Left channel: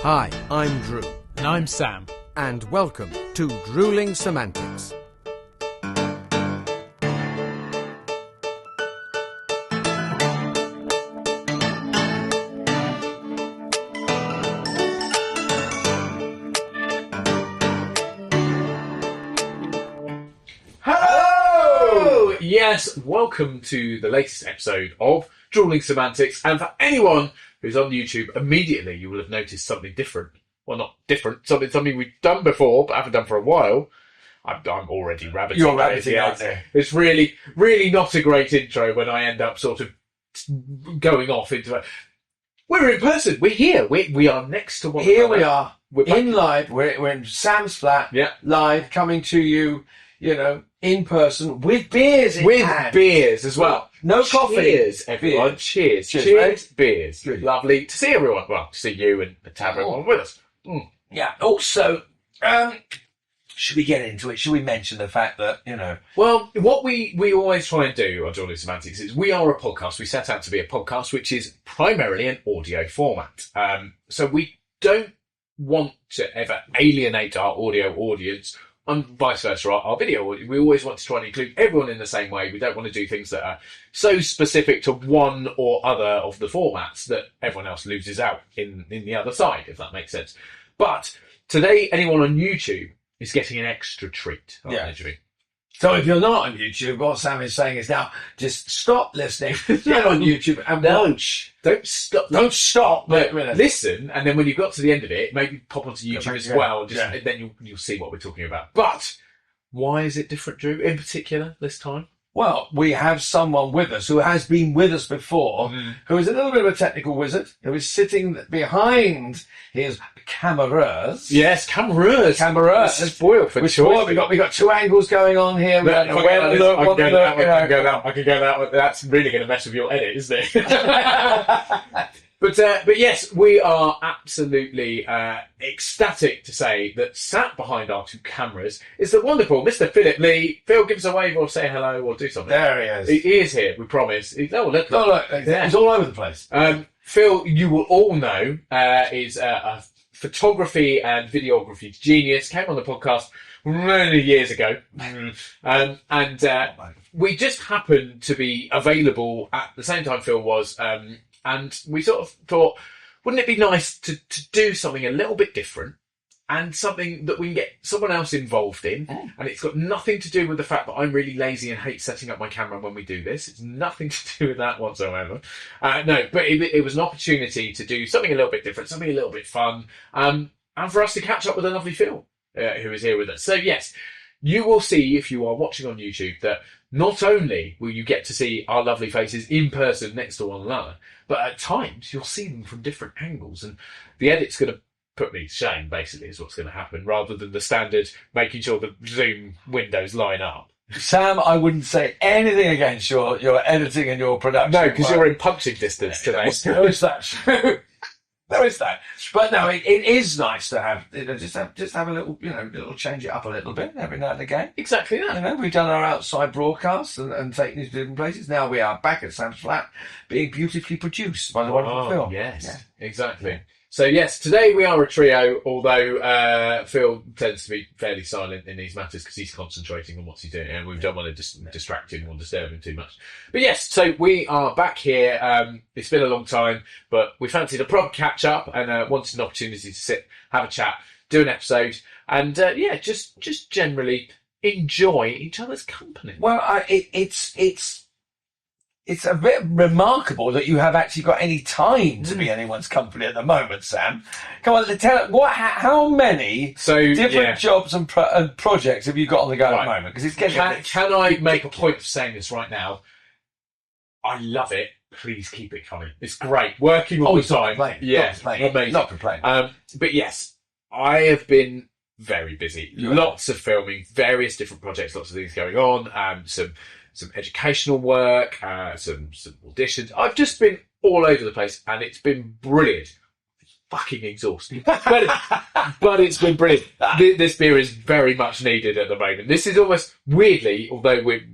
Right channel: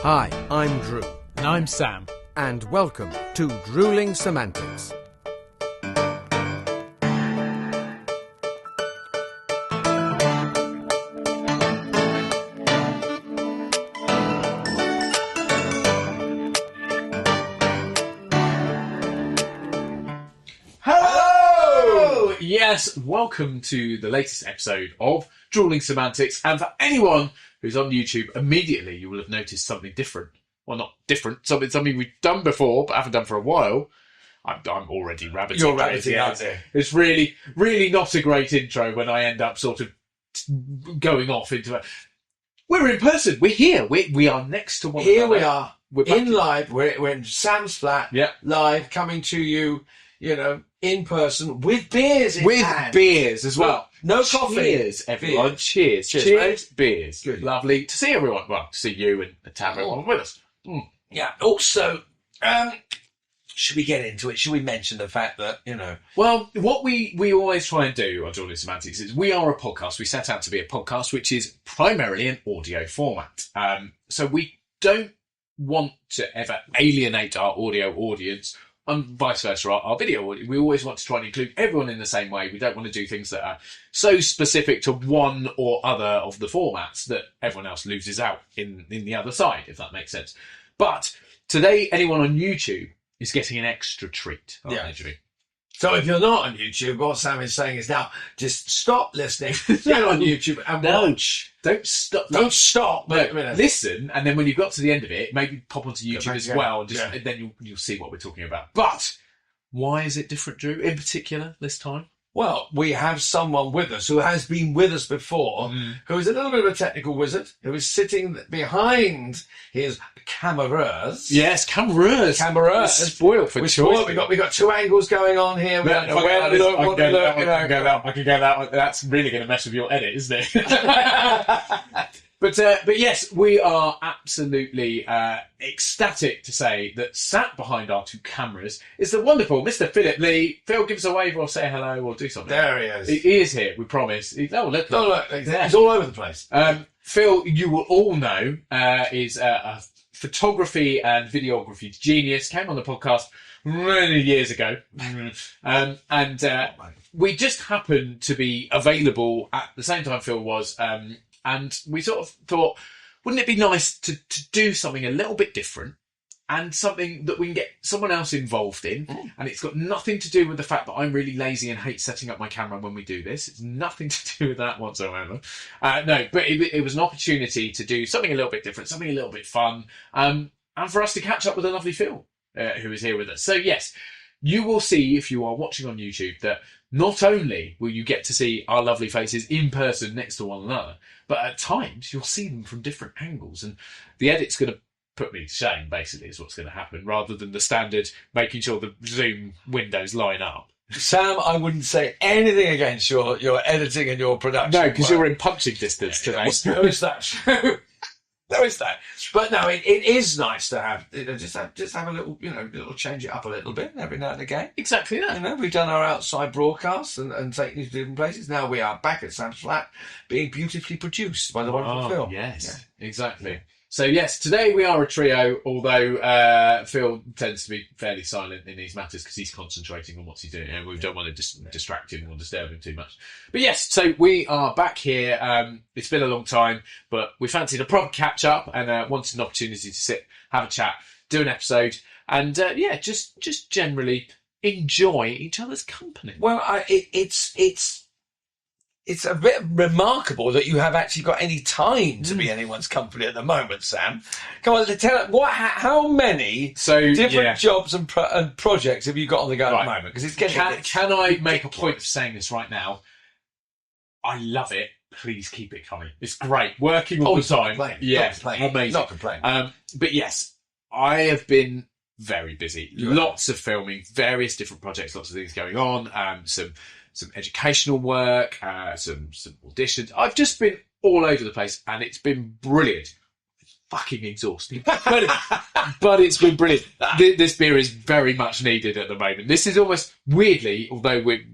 Hi, I'm Drew. And I'm Sam. And welcome to Drewling Samantics. Hello! Yes, welcome to the latest episode of Drewling Samantics. And for anyone who's on YouTube, immediately you will have noticed something different. Well, not different, something we've done before, but haven't done for a while. I'm already rabbiting. You're rabbiting out there. It's really not a great intro when I end up sort of going off into it. We're in person. We're here. We are next to one another. Here we are. We're in live. We're in Sam's flat. Yeah. Live, coming to you, in person with beers in hand. Beers as well. No coffee. Cheers, everyone. Beers. Cheers. Cheers, Beers. Good. Lovely to see everyone. Well, to see you and to have everyone with us. Yeah. Also, should we get into it? Should we mention the fact that, Well, what we always try and do on Drewling Samantics is we are a podcast. We set out to be a podcast, which is primarily an audio format. So we don't want to ever alienate our audio audience and vice versa, our video. We always want to try and include everyone in the same way. We don't want to do things that are so specific to one or other of the formats that everyone else loses out in the other side, if that makes sense. But today, anyone on YouTube is getting an extra treat. Yeah. So if you're not on YouTube, what Sam is saying is now just stop listening, get on YouTube and watch. Don't stop. Don't stop. But listen, and then when you've got to the end of it, maybe pop onto YouTube as well, and then you'll see what we're talking about. But why is it different, Drew, in particular this time? Well, we have someone with us who has been with us before, who is a little bit of a technical wizard, who is sitting behind his cameras. Yes, cameras. Spoiled for choice. We got two angles going on here. I can go that. That's really going to mess with your edit, isn't it? But yes, we are absolutely ecstatic to say that sat behind our two cameras is the wonderful Mr. Phillip Lee. Phil, give us a wave or say hello or do something. There he is. He is here, we promise. Look. He's all over the place. Phil, you will all know, is a photography and videography genius. Came on the podcast many years ago. We just happened to be available at the same time Phil was. And we sort of thought, wouldn't it be nice to do something a little bit different and something that we can get someone else involved in? And it's got nothing to do with the fact that I'm really lazy and hate setting up my camera when we do this. It's nothing to do with that whatsoever. No, but it was an opportunity to do something a little bit different, something a little bit fun, and for us to catch up with a lovely Phil who is here with us. So yes, you will see if you are watching on YouTube that not only will you get to see our lovely faces in person next to one another, but at times you'll see them from different angles, and the edit's going to put me to shame, basically, is what's going to happen, rather than the standard making sure the Zoom windows line up. Sam, I wouldn't say anything against your editing and your production. No, because you're in punching distance today. There is that. There is that. But no, it is nice to have just have a little, little change it up a little bit every now and again. Exactly that. We've done our outside broadcasts and taken it to different places. Now we are back at Sam's flat, being beautifully produced by the wonderful Phil. Yes, exactly. So yes, today we are a trio, although Phil tends to be fairly silent in these matters because he's concentrating on what he's doing, and we don't want to distract him or disturb him too much. But yes, so we are back here. It's been a long time, but we fancied a proper catch up and wanted an opportunity to sit, have a chat, do an episode, and just generally enjoy each other's company. Well, it's a bit remarkable that you have actually got any time to be anyone's company at the moment, Sam. Come on, tell how many different jobs and projects have you got on the go at the moment? Because it's getting. Can I make a point of saying this right now? I love it. Please keep it coming. It's great. Working all the time. Amazing. Not complaining. But yes, I have been very busy. Lots of filming, various different projects, lots of things going on. Some educational work, some auditions. I've just been all over the place, and it's been brilliant. Fucking exhausting, but it's been brilliant. This beer is very much needed at the moment. This is almost weirdly, although we're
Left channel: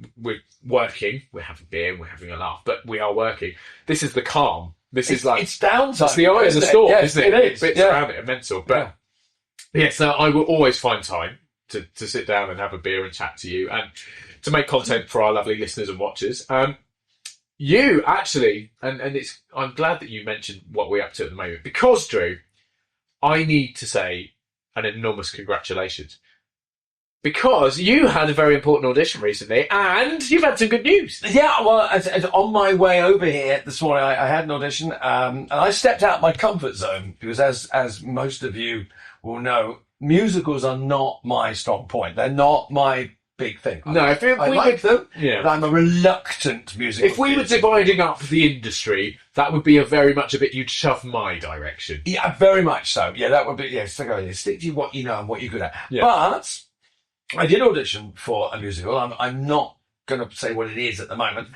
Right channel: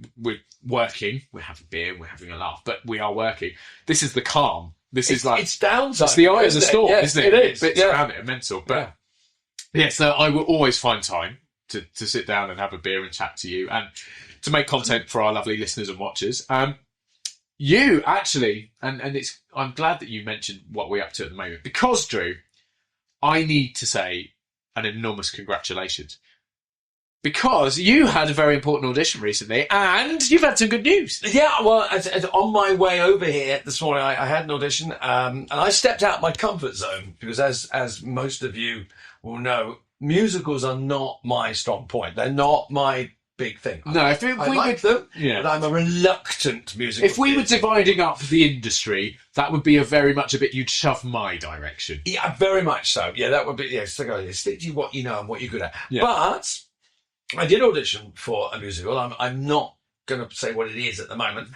working, we're having beer, we're having a laugh, but we are working. This is the calm This is like it's downside. It's the eye of the storm, yes, isn't it? It is. Bits around it are mental. But so I will always find time to sit down and have a beer and chat to you and to make content for our lovely listeners and watchers. You actually, and I'm glad that you mentioned what we're up to at the moment, because Drew, I need to say an enormous congratulations. Because you had a very important audition recently, and you've had some good news. Yeah, well, as on my way over here this morning, I had an audition, and I stepped out my comfort zone because, as most of you will know, musicals are not my strong point. They're not my big thing. No, I like them, but I'm a reluctant musical. If we were dividing up the industry, that would be very much a bit you'd shove my direction. Yeah, very much so. Yeah, that would be, stick to what you know and what you're good at. Yeah. But I did audition for a musical. I'm not going to say what it is at the moment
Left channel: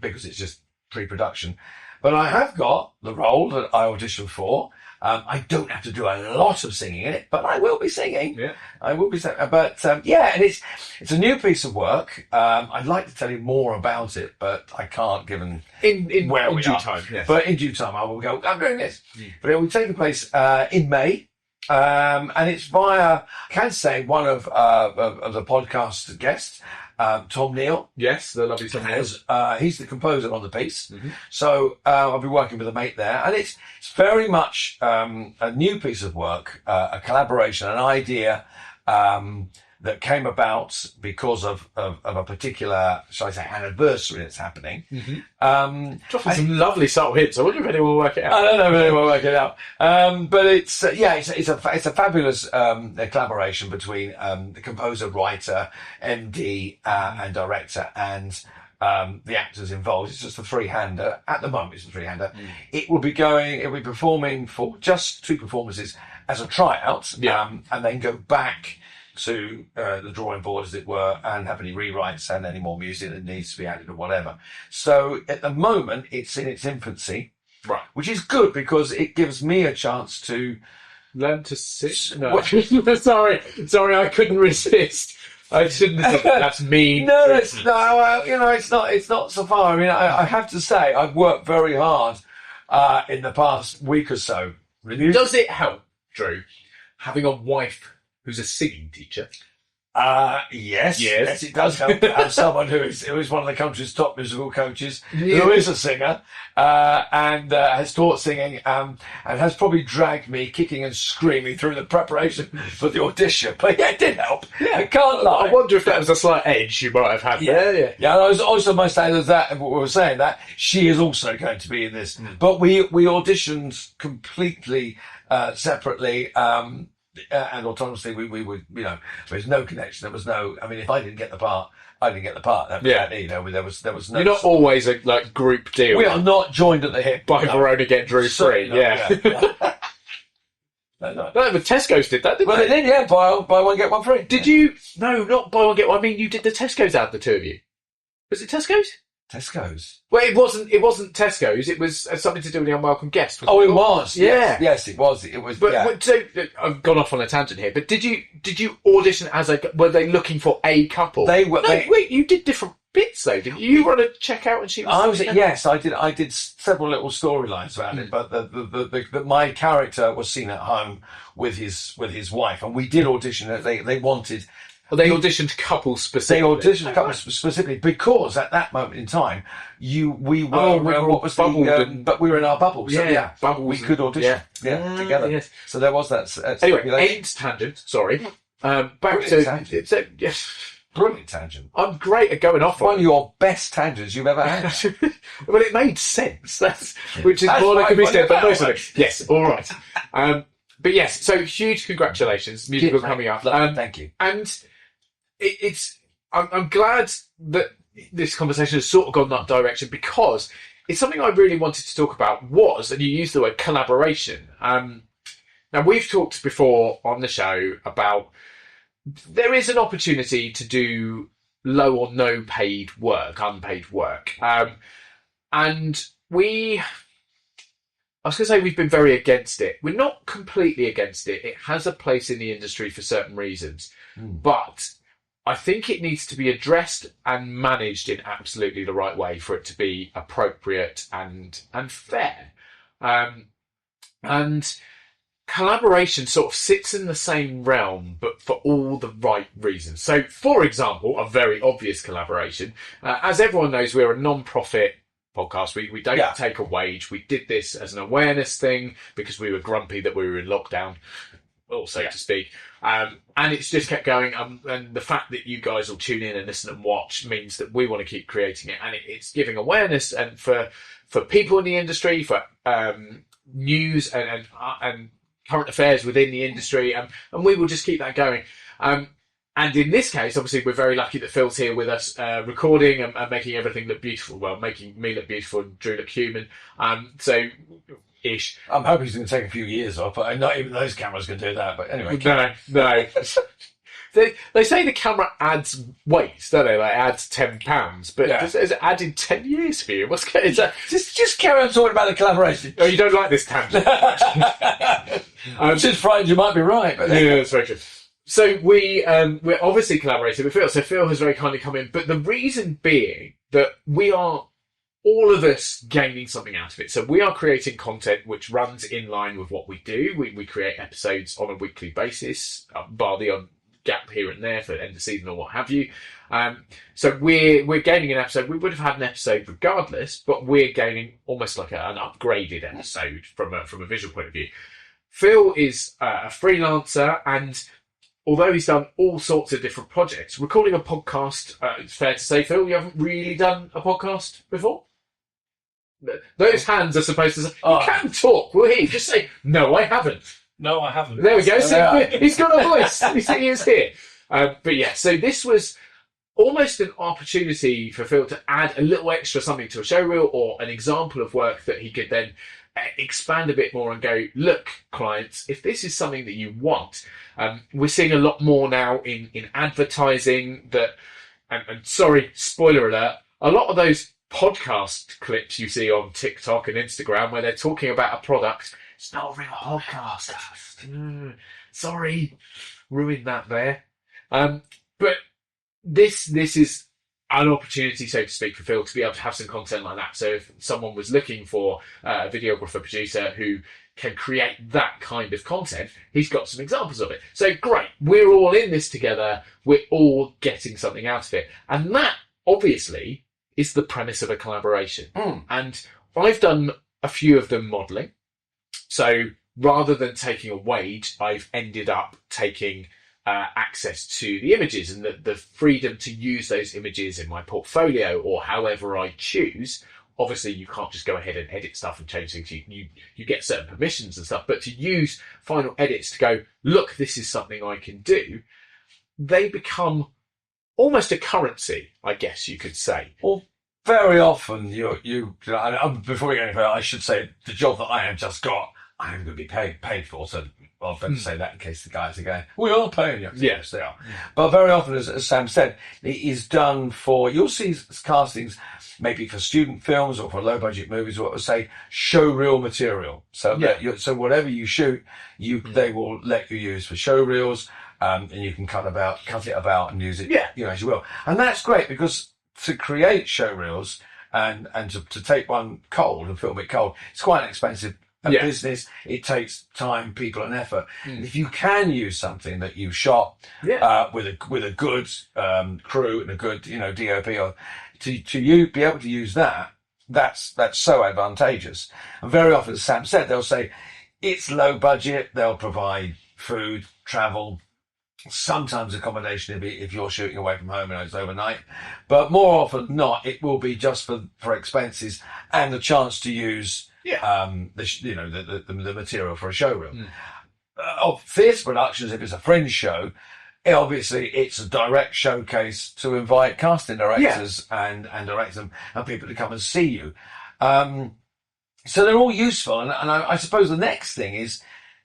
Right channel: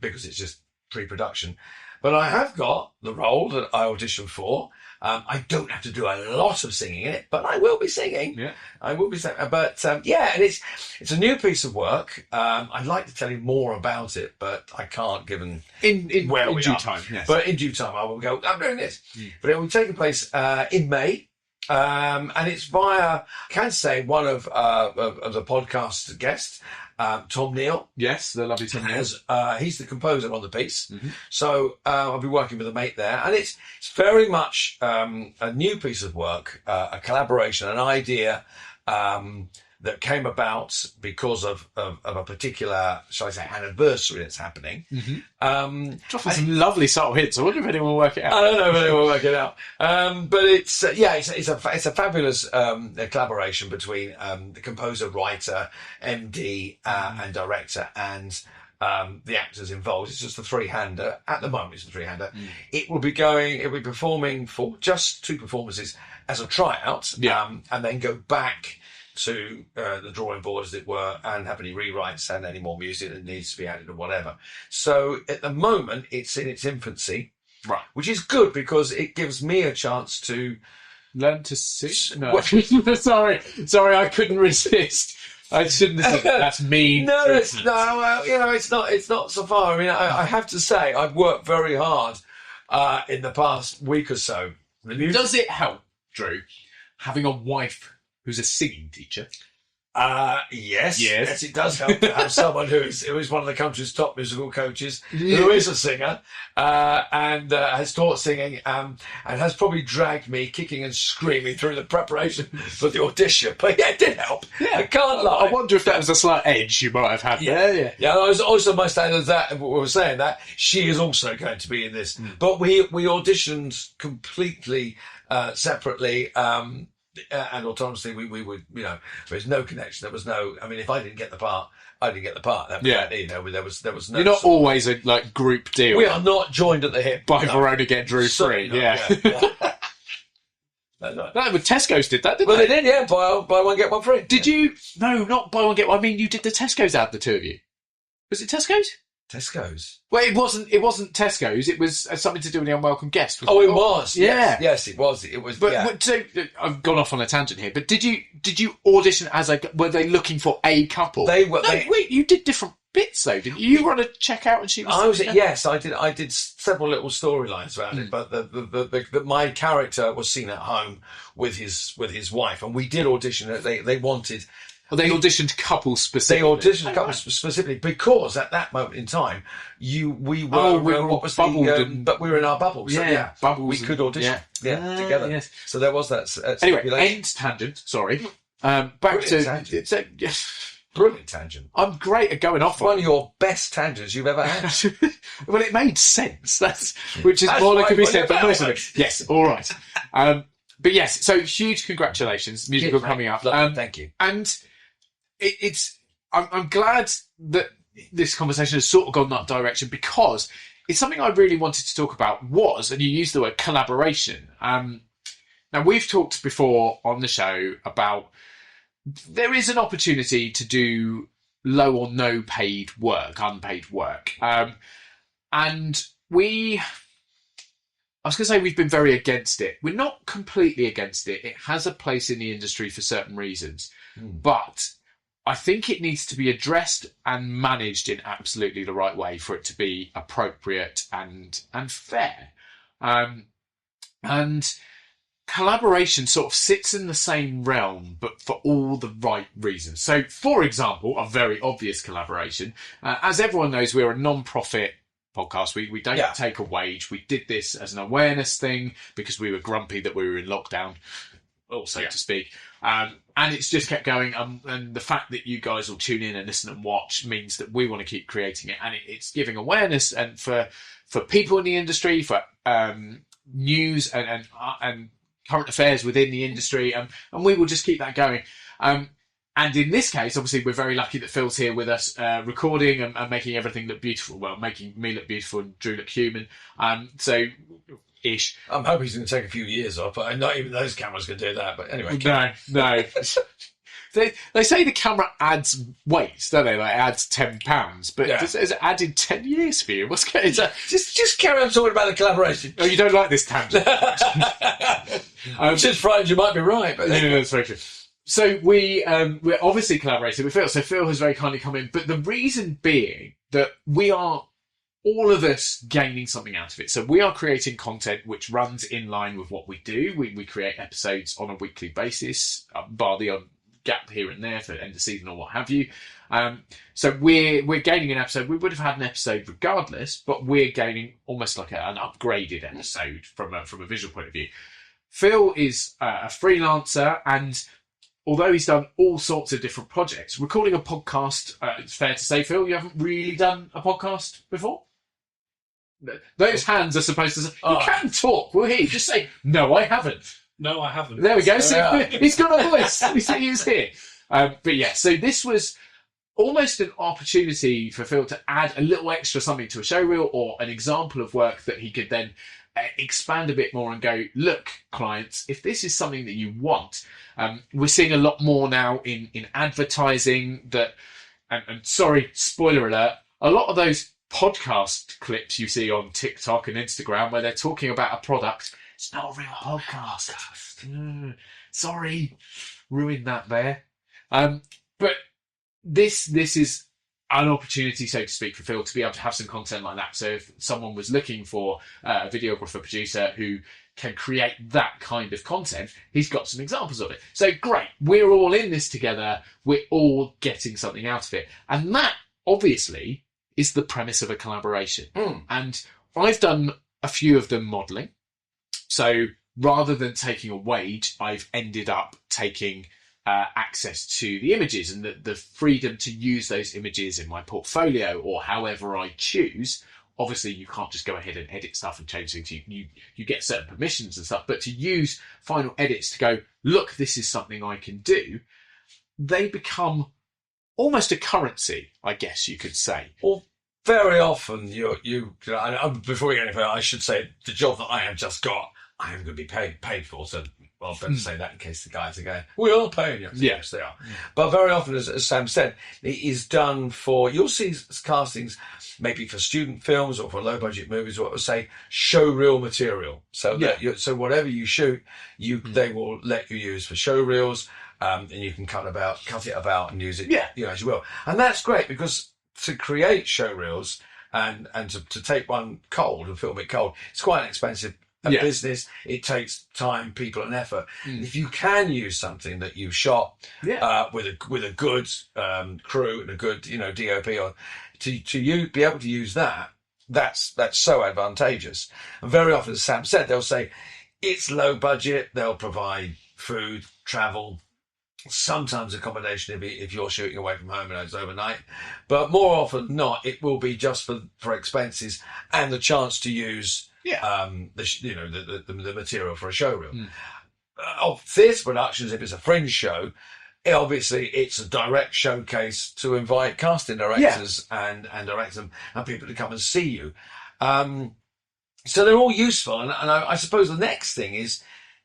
because it's just pre-production. But I have got the role that I auditioned for. I don't have to do a lot of singing in it, but I will be singing. Yeah, I will be singing. But and it's a new piece of work. I'd like to tell you more about it, but I can't, given in due time. Yes, but in due time, I will go. I'm doing this, but it will take place in May. And it's via, I can say, one of the podcast guests, Tom Neal. Yes, the lovely Tom Neal. He's the composer on the piece. Mm-hmm. So I'll be working with a mate there. And it's very much a new piece of work, a collaboration, an idea that came about because of a particular, shall I say, anniversary that's happening. Mm-hmm. Dropping some lovely subtle hints. I wonder if anyone will work it out. I don't know if anyone will work it out. But it's a fabulous collaboration between the composer, writer, MD, and director, and the actors involved. It's just a three-hander. At the moment, it's a three-hander. It will be performing for just 2 performances as a tryout, and then go back to the drawing board, as it were, and have any rewrites and any more music that needs to be added or whatever. So at the moment, it's in its infancy, right? Which is good because it gives me a chance to learn to sing. No, sorry, I couldn't resist. I shouldn't have said that. That's mean. It's not so far. I mean, I have to say, I've worked very hard in the past week or so. Does it help, Drew, having a wife who's a singing teacher? Yes, it does help to have someone who is one of the country's top musical coaches, who is a singer, and has taught singing, and has probably dragged me kicking and screaming through the preparation for the audition. But yeah, it did help. Yeah. I can't lie. I wonder if that was a slight edge you might have had. Yeah. I was also my standard that we were saying that she is also going to be in this, but we auditioned completely separately. And autonomously, we would, there was no connection. There was no. I mean, if I didn't get the part, I didn't get the part. There was no. You're not always a group deal. We are not joined at the hip by Verona get Drew free. Yeah. No, but Tesco's did that, didn't they? Well, they did. Yeah, buy one get one free. Did you? No, not buy one get one. I mean, you did the Tesco's ad, the two of you. Was it Tesco's? Tesco's. Well, it wasn't Tesco's. It was something to do with the unwelcome guest. It was. Yeah. Yes, it was. It was. But so I've gone off on a tangent here. But did you audition as were they looking for a couple? They were. Wait, you did different bits though, didn't you? You were on a checkout and she was. Yes, I did. I did several little storylines around it. But my character was seen at home with his wife, and we did audition. They wanted. Well, they auditioned couples specifically. They auditioned couples specifically because at that moment in time, we were but we were in our bubbles. Bubbles. We could audition together. Yes. So there was that. Anyway, end tangent. Sorry. Back to tangent. Yes. Brilliant tangent. I'm great at going off. One of your best tangents you've ever had. Well, it made sense. Which is more that could be said, but most of it. Yes. All right. But yes. So huge congratulations, musical coming up. Thank you. And I'm glad that this conversation has sort of gone that direction because it's something I really wanted to talk about and you used the word collaboration. Now we've talked before on the show about there is an opportunity to do low or no paid work, unpaid work. And I was going to say we've been very against it. We're not completely against it. It has a place in the industry for certain reasons, but I think it needs to be addressed and managed in absolutely the right way for it to be appropriate and fair. And collaboration sort of sits in the same realm, but for all the right reasons. So, for example, a very obvious collaboration, as everyone knows, we're a non-profit podcast. We don't take a wage. We did this as an awareness thing because we were grumpy that we were in lockdown, also to speak. And it's just kept going. And the fact that you guys will tune in and listen and watch means that we want to keep creating it. And it's giving awareness and for people in the industry, for news and current affairs within the industry, and we will just keep that going. And in this case, obviously, we're very lucky that Phil's here with us, recording and making everything look beautiful. Well, making me look beautiful and Drew look human. Ish. I'm hoping he's going to take a few years off, but not even those cameras can do that. But anyway, no. They say the camera adds weight, don't they? Like adds £10, but has it added 10 years for you? What's going on? Just carry on talking about the collaboration. Oh, you don't like this tangent? I'm just frightened you might be right. But yeah, that's very true. So we're obviously collaborating with Phil. So Phil has very kindly come in, but the reason being that we are all of us gaining something out of it. So we are creating content which runs in line with what we do. We create episodes on a weekly basis, bar the odd gap here and there for end of season or what have you. So we're gaining an episode. We would have had an episode regardless, but we're gaining almost like an upgraded episode from a visual point of view. Phil is a freelancer, and although he's done all sorts of different projects, recording a podcast, it's fair to say, Phil, you haven't really done a podcast before? Those hands are supposed to say, you can talk, will he? Just say, no, I haven't. No, I haven't. There we go. He's got a voice. He is here. But yeah, so this was almost an opportunity for Phil to add a little extra something to a showreel or an example of work that he could then expand a bit more and go, look, clients, if this is something that you want, we're seeing a lot more now in advertising that, and sorry, spoiler alert, a lot of those podcast clips you see on TikTok and Instagram where they're talking about a product, it's not a real podcast. Sorry, ruined that there. But this is an opportunity, so to speak, for Phil to be able to have some content like that. So if someone was looking for a videographer producer who can create that kind of content, he's got some examples of it. So great, we're all in this together. We're all getting something out of it. And that, obviously, is the premise of a collaboration. And I've done a few of them modelling. So rather than taking a wage, I've ended up taking access to the images and the freedom to use those images in my portfolio or however I choose. Obviously, you can't just go ahead and edit stuff and change things. You get certain permissions and stuff, but to use final edits to go, look, this is something I can do, they become almost a currency, I guess you could say. Well, very often before we get any further, I should say the job that I have just got, I am going to be paid for. So I'll better say that in case the guys are going, we are paying you. Yes, they are. But very often, as Sam said, it is done for, you'll see castings maybe for student films or for low budget movies, what would say show reel material. So so whatever you shoot, they will let you use for show reels, and you can cut it about and use it as you will. And that's great because to create show reels and to take one cold and film it cold, it's quite an expensive business. It takes time, people, and effort. If you can use something that you shot with a good crew and a good DOP, or to be able to use that's so advantageous. And very often, as Sam said, they'll say it's low budget. They'll provide food, travel, sometimes accommodation if you're shooting away from home and it's overnight, but more often than not, it will be just for expenses and the chance to use the material for a showreel. Of theatre productions, if it's a fringe show, obviously it's a direct showcase to invite casting directors and direct them and people to come and see you. So they're all useful, and I suppose the next thing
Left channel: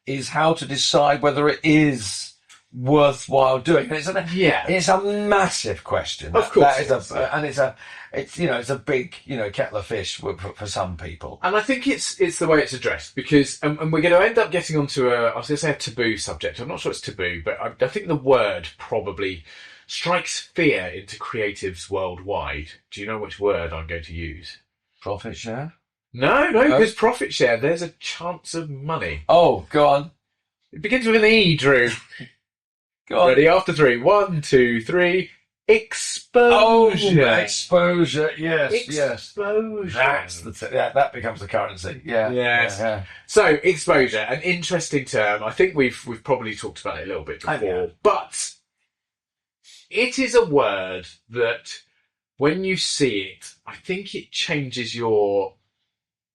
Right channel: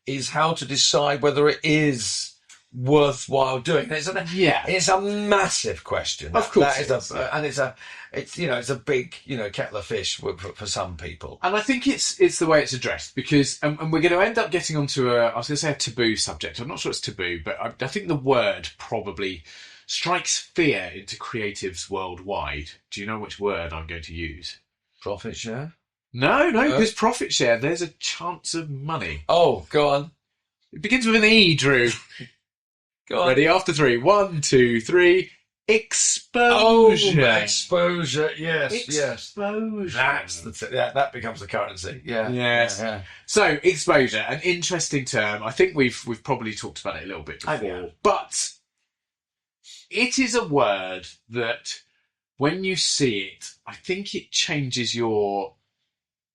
is how to decide whether it is worthwhile doing. It's a massive question. Of course, it's a big kettle of fish for some people. And I think it's the way it's addressed because, and we're going to end up getting onto I was going to say a taboo subject. I'm not sure it's taboo, but I think the word probably strikes fear into creatives worldwide. Do you know which word I'm going to use? Profit share? No, because profit share, there's a chance of money. Oh, go on. It begins with an E, Drew. Go on. Ready? After three. 1, 2, 3. Exposure. Oh, exposure. Yes, Exposure. That's that becomes the currency. Yeah. Yes. Yeah. So exposure, an interesting term. I think we've probably talked about it a little bit before, but it is a word that when you see it, I think it changes your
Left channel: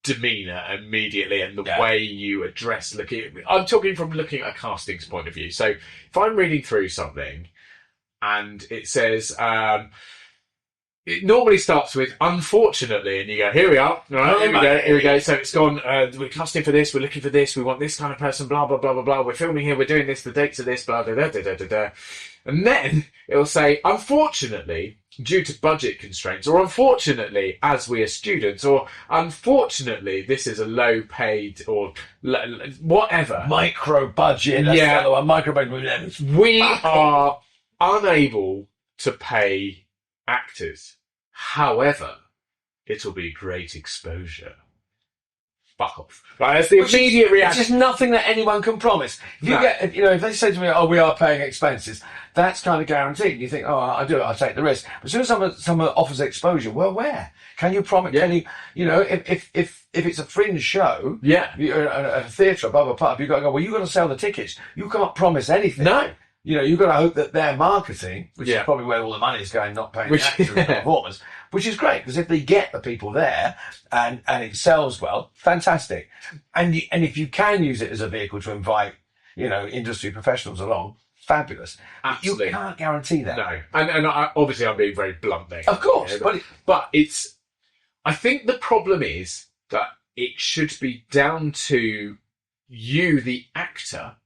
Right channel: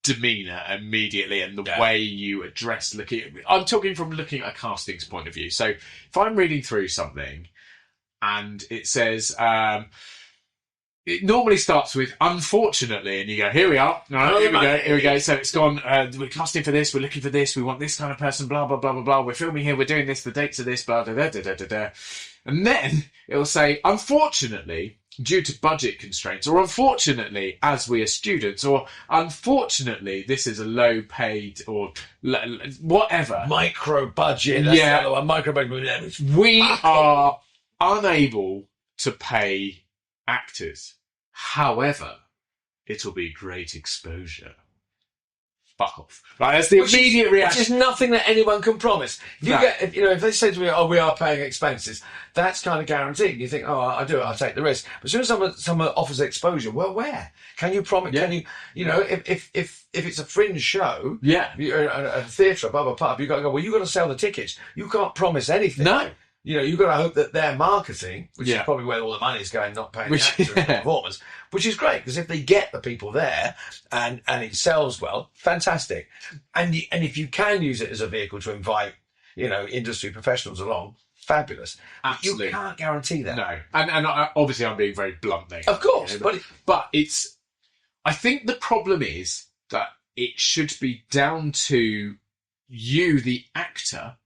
demeanour immediately and the way you address I'm talking from looking at a casting's point of view. So if I'm reading through something and it says it normally starts with unfortunately, and you go, here we are, here we go. So it's gone, we're casting for this, we're looking for this, we want this kind of person, blah blah blah blah blah, we're filming here, we're doing this, the dates are this, blah da da da da da. And then it'll say, unfortunately, due to budget constraints, or unfortunately, as we are students, or unfortunately, this is a low paid, or whatever. Micro budget. A micro budget. We are unable to pay actors. However, it'll be great exposure. Fuck off. Right, that's the immediate reaction. It's just nothing that anyone can promise. If they say to me, "Oh, we are paying expenses," that's kind of guaranteed. You think, "Oh, I'll do it. I'll take the risk." But as soon as someone offers exposure, well, where can you promise? Can you, if it's a fringe show, a theatre, blah blah blah, you've got to go. Well, you've got to sell the tickets. You can't promise anything. No. You've got to hope that their marketing, which is probably where all the money is going, not paying the actors and performers, which is great, because if they get the people there and it sells well, fantastic. And if you can use it as a vehicle to invite, industry professionals along, fabulous. Absolutely. You can't guarantee that. No. And obviously I'm being very blunt there. Of course. But I think the problem is that it should be down to you, the actor,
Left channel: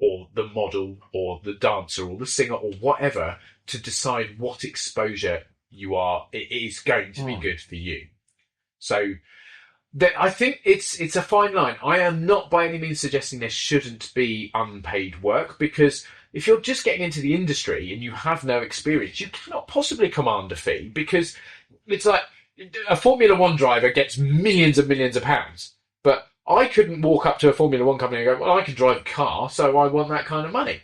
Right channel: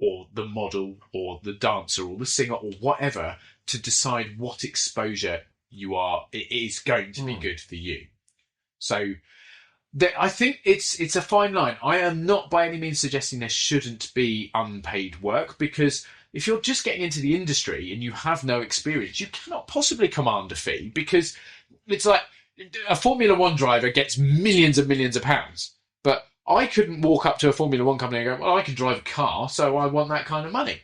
or the model, or the dancer, or the singer, or whatever, to decide what exposure it is going to be good for you. So I think it's a fine line. I am not by any means suggesting there shouldn't be unpaid work, because if you're just getting into the industry and you have no experience, you cannot possibly command a fee, because it's like a Formula One driver gets millions and millions of pounds, but I couldn't walk up to a Formula One company and go, well, I can drive a car, so I want that kind of money.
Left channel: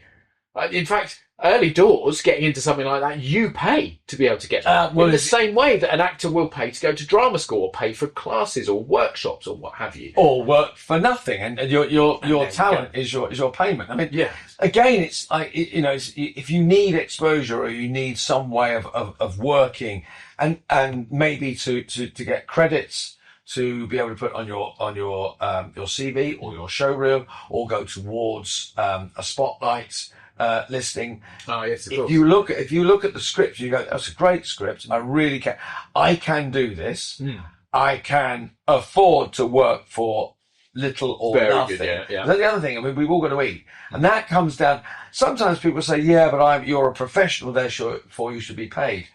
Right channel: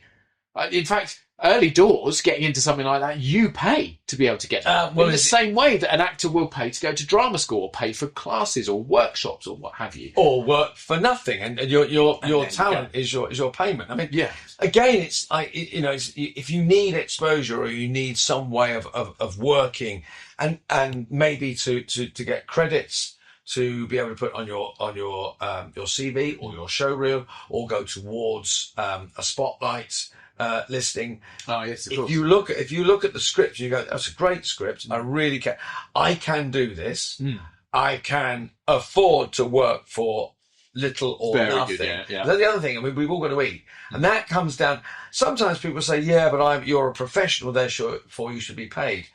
In fact, early doors, getting into something like that, you pay to be able to get that. In the same way that an actor will pay to go to drama school, or pay for classes or workshops or what have you. Or work for nothing, and your talent is your payment. I mean, again, it's like, if you need exposure, or you need some way of working, and maybe to get credits, to be able to put on your CV or your show reel, or go towards a spotlight listing. Oh yes, of course. If you look at the script, you go, "That's a great script. I can do this. I can afford to work for little or nothing." Good, yeah. That's the other thing. I mean, we've all got to eat, and that comes down. Sometimes people say, "Yeah, but you're a professional, therefore you should be paid."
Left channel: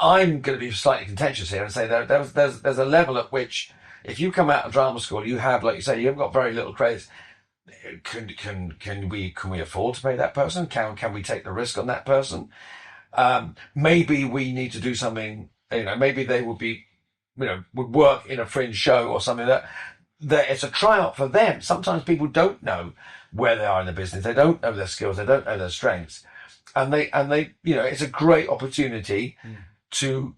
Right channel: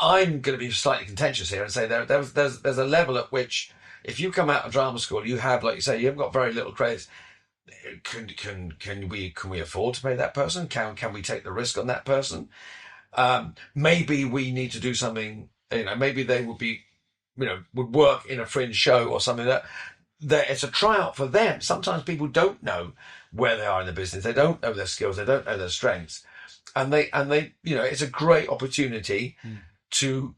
I'm going to be slightly contentious here and say there's a level at which, if you come out of drama school, you have, like you say, you've got very little credits. Can we afford to pay that person? Can we take the risk on that person? Maybe we need to do something. Maybe they would be, would work in a fringe show or something that it's a tryout for them. Sometimes people don't know where they are in the business. They don't know their skills. They don't know their strengths, and they it's a great opportunity to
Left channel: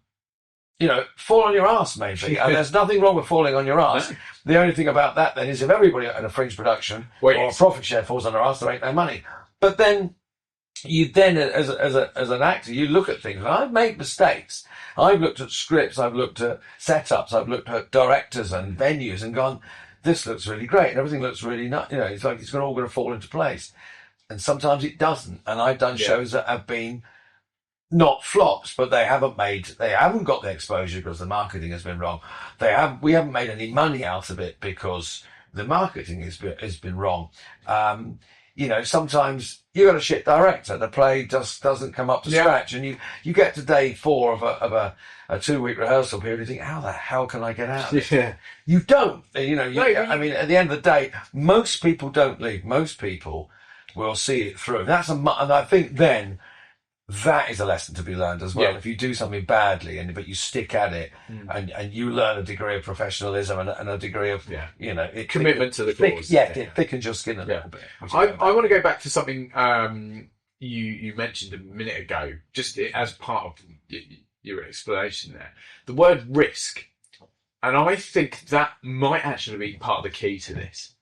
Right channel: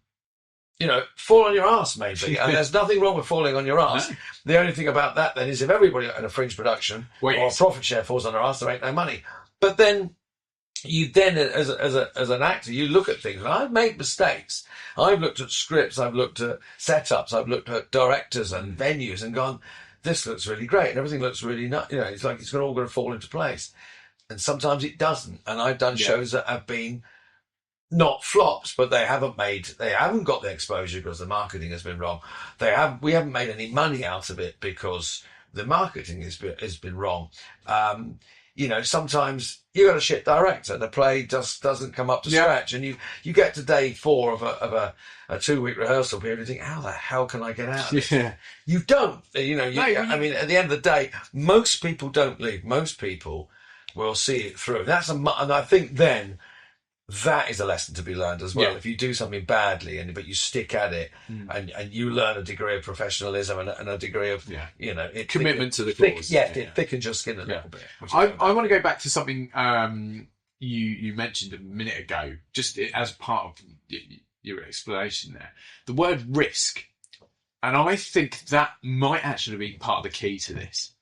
fall on your ass, maybe. And there's nothing wrong with falling on your ass. No. The only thing about that then is, if everybody in a fringe production or a profit share falls on their ass, there ain't no money. But then as an actor, you look at things, and I've made mistakes. I've looked at scripts, I've looked at setups, I've looked at directors and venues and gone, this looks really great, and everything looks really nice. It's like it's all going to fall into place. And sometimes it doesn't. And I've done shows that have been not flops, but they haven't got the exposure because the marketing has been wrong. We haven't made any money out of it because the marketing has been wrong. Sometimes you got a shit director, the play just doesn't come up to scratch, and you get to day 4 of a 2-week rehearsal period and think, how the hell can I get out of this? You don't. I mean, at the end of the day, most people don't leave. Most people will see it through. And I think then that is a lesson to be learned as well. Yeah. If you do something badly but you stick at it, and you learn a degree of professionalism and a degree of commitment to the cause. It thickens your skin a little bit. I want to go back to something you mentioned a minute ago, just as part of your explanation there. The word risk, and I think that might actually be part of the key to this,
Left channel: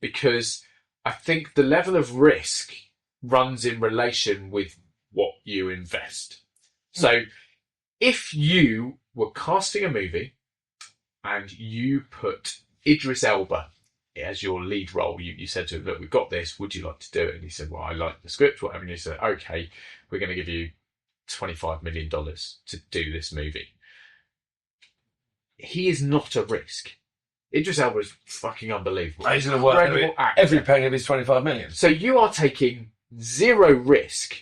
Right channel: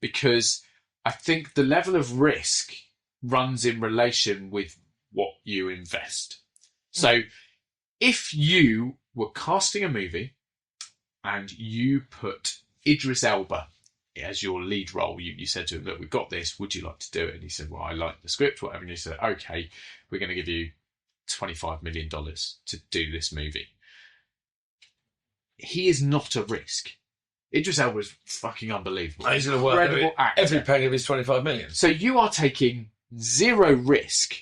because I think the level of risk runs in relation with what you invest. So if you were casting a movie and you put Idris Elba as your lead role, you said to him, look, we've got this, would you like to do it? And he said, well, I like the script, whatever. And you said, okay, we're going to give you $25 million to do this movie. He is not a risk. Idris Elba is fucking unbelievable. He's going to work every penny of his 25 million. So you are taking zero risk,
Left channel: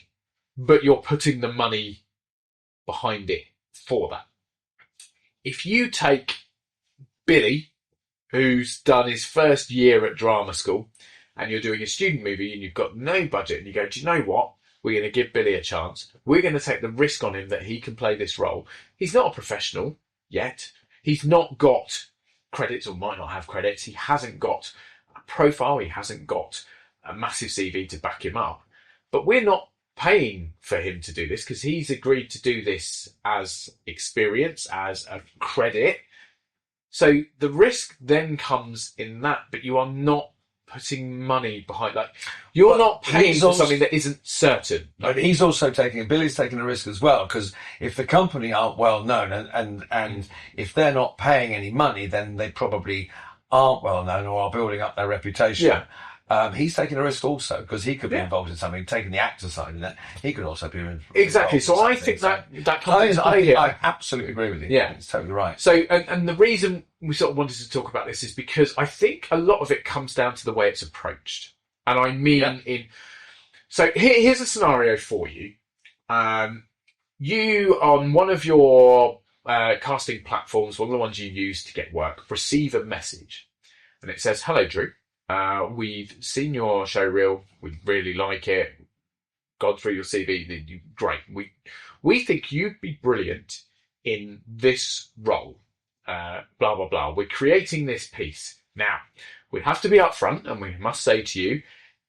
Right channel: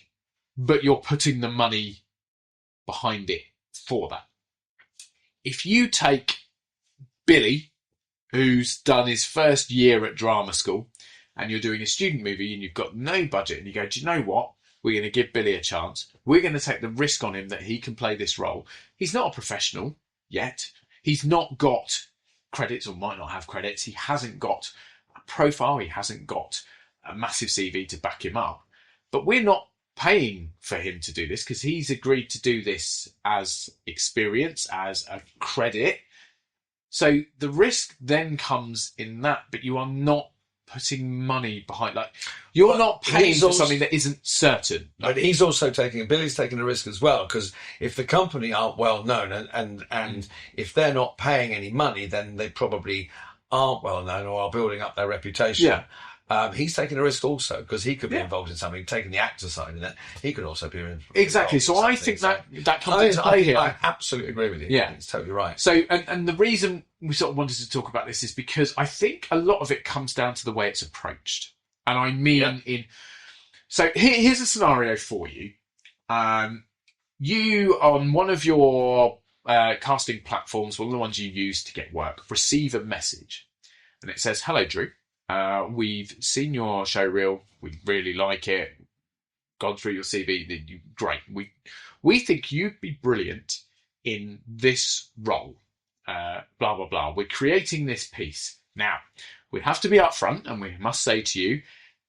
but you're putting the money behind it for that. If you take Billy, who's done his first year at drama school, and you're doing a student movie and you've got no budget, and you go, do you know what? We're going to give Billy a chance. We're going to take the risk on him that he can play this role. He's not a professional yet. He's not got credits, or might not have credits. He hasn't got a profile. He hasn't got a massive CV to back him up. But we're not paying for him to do this because he's agreed to do this as experience, as a credit. So the risk then comes in that, but you are not putting money behind, like, you're not paying for something that isn't certain. But he's also Billy's taking a risk as well, because if the company aren't well known and if they're not paying any money, then they probably aren't well known or are building up their reputation. Yeah. He's taking a risk also, because he could be involved in something, taking the actor side in that. He could also be involved. Exactly. So I think that comes into play here. I absolutely agree with you. Yeah. It's totally right. So, and the reason we sort of wanted to talk about this is because I think a lot of it comes down to the way it's approached. And I mean so here's a scenario for you. You, on one of your casting platforms, one of the ones you use to get work, receive a message. And it says, hello, Drew. We've seen your show reel. We really like it. Gone through your CV. Great. We think you'd be brilliant in this role. Blah, blah, blah. We're creating this piece. Now, we have to be upfront, and we must say to you,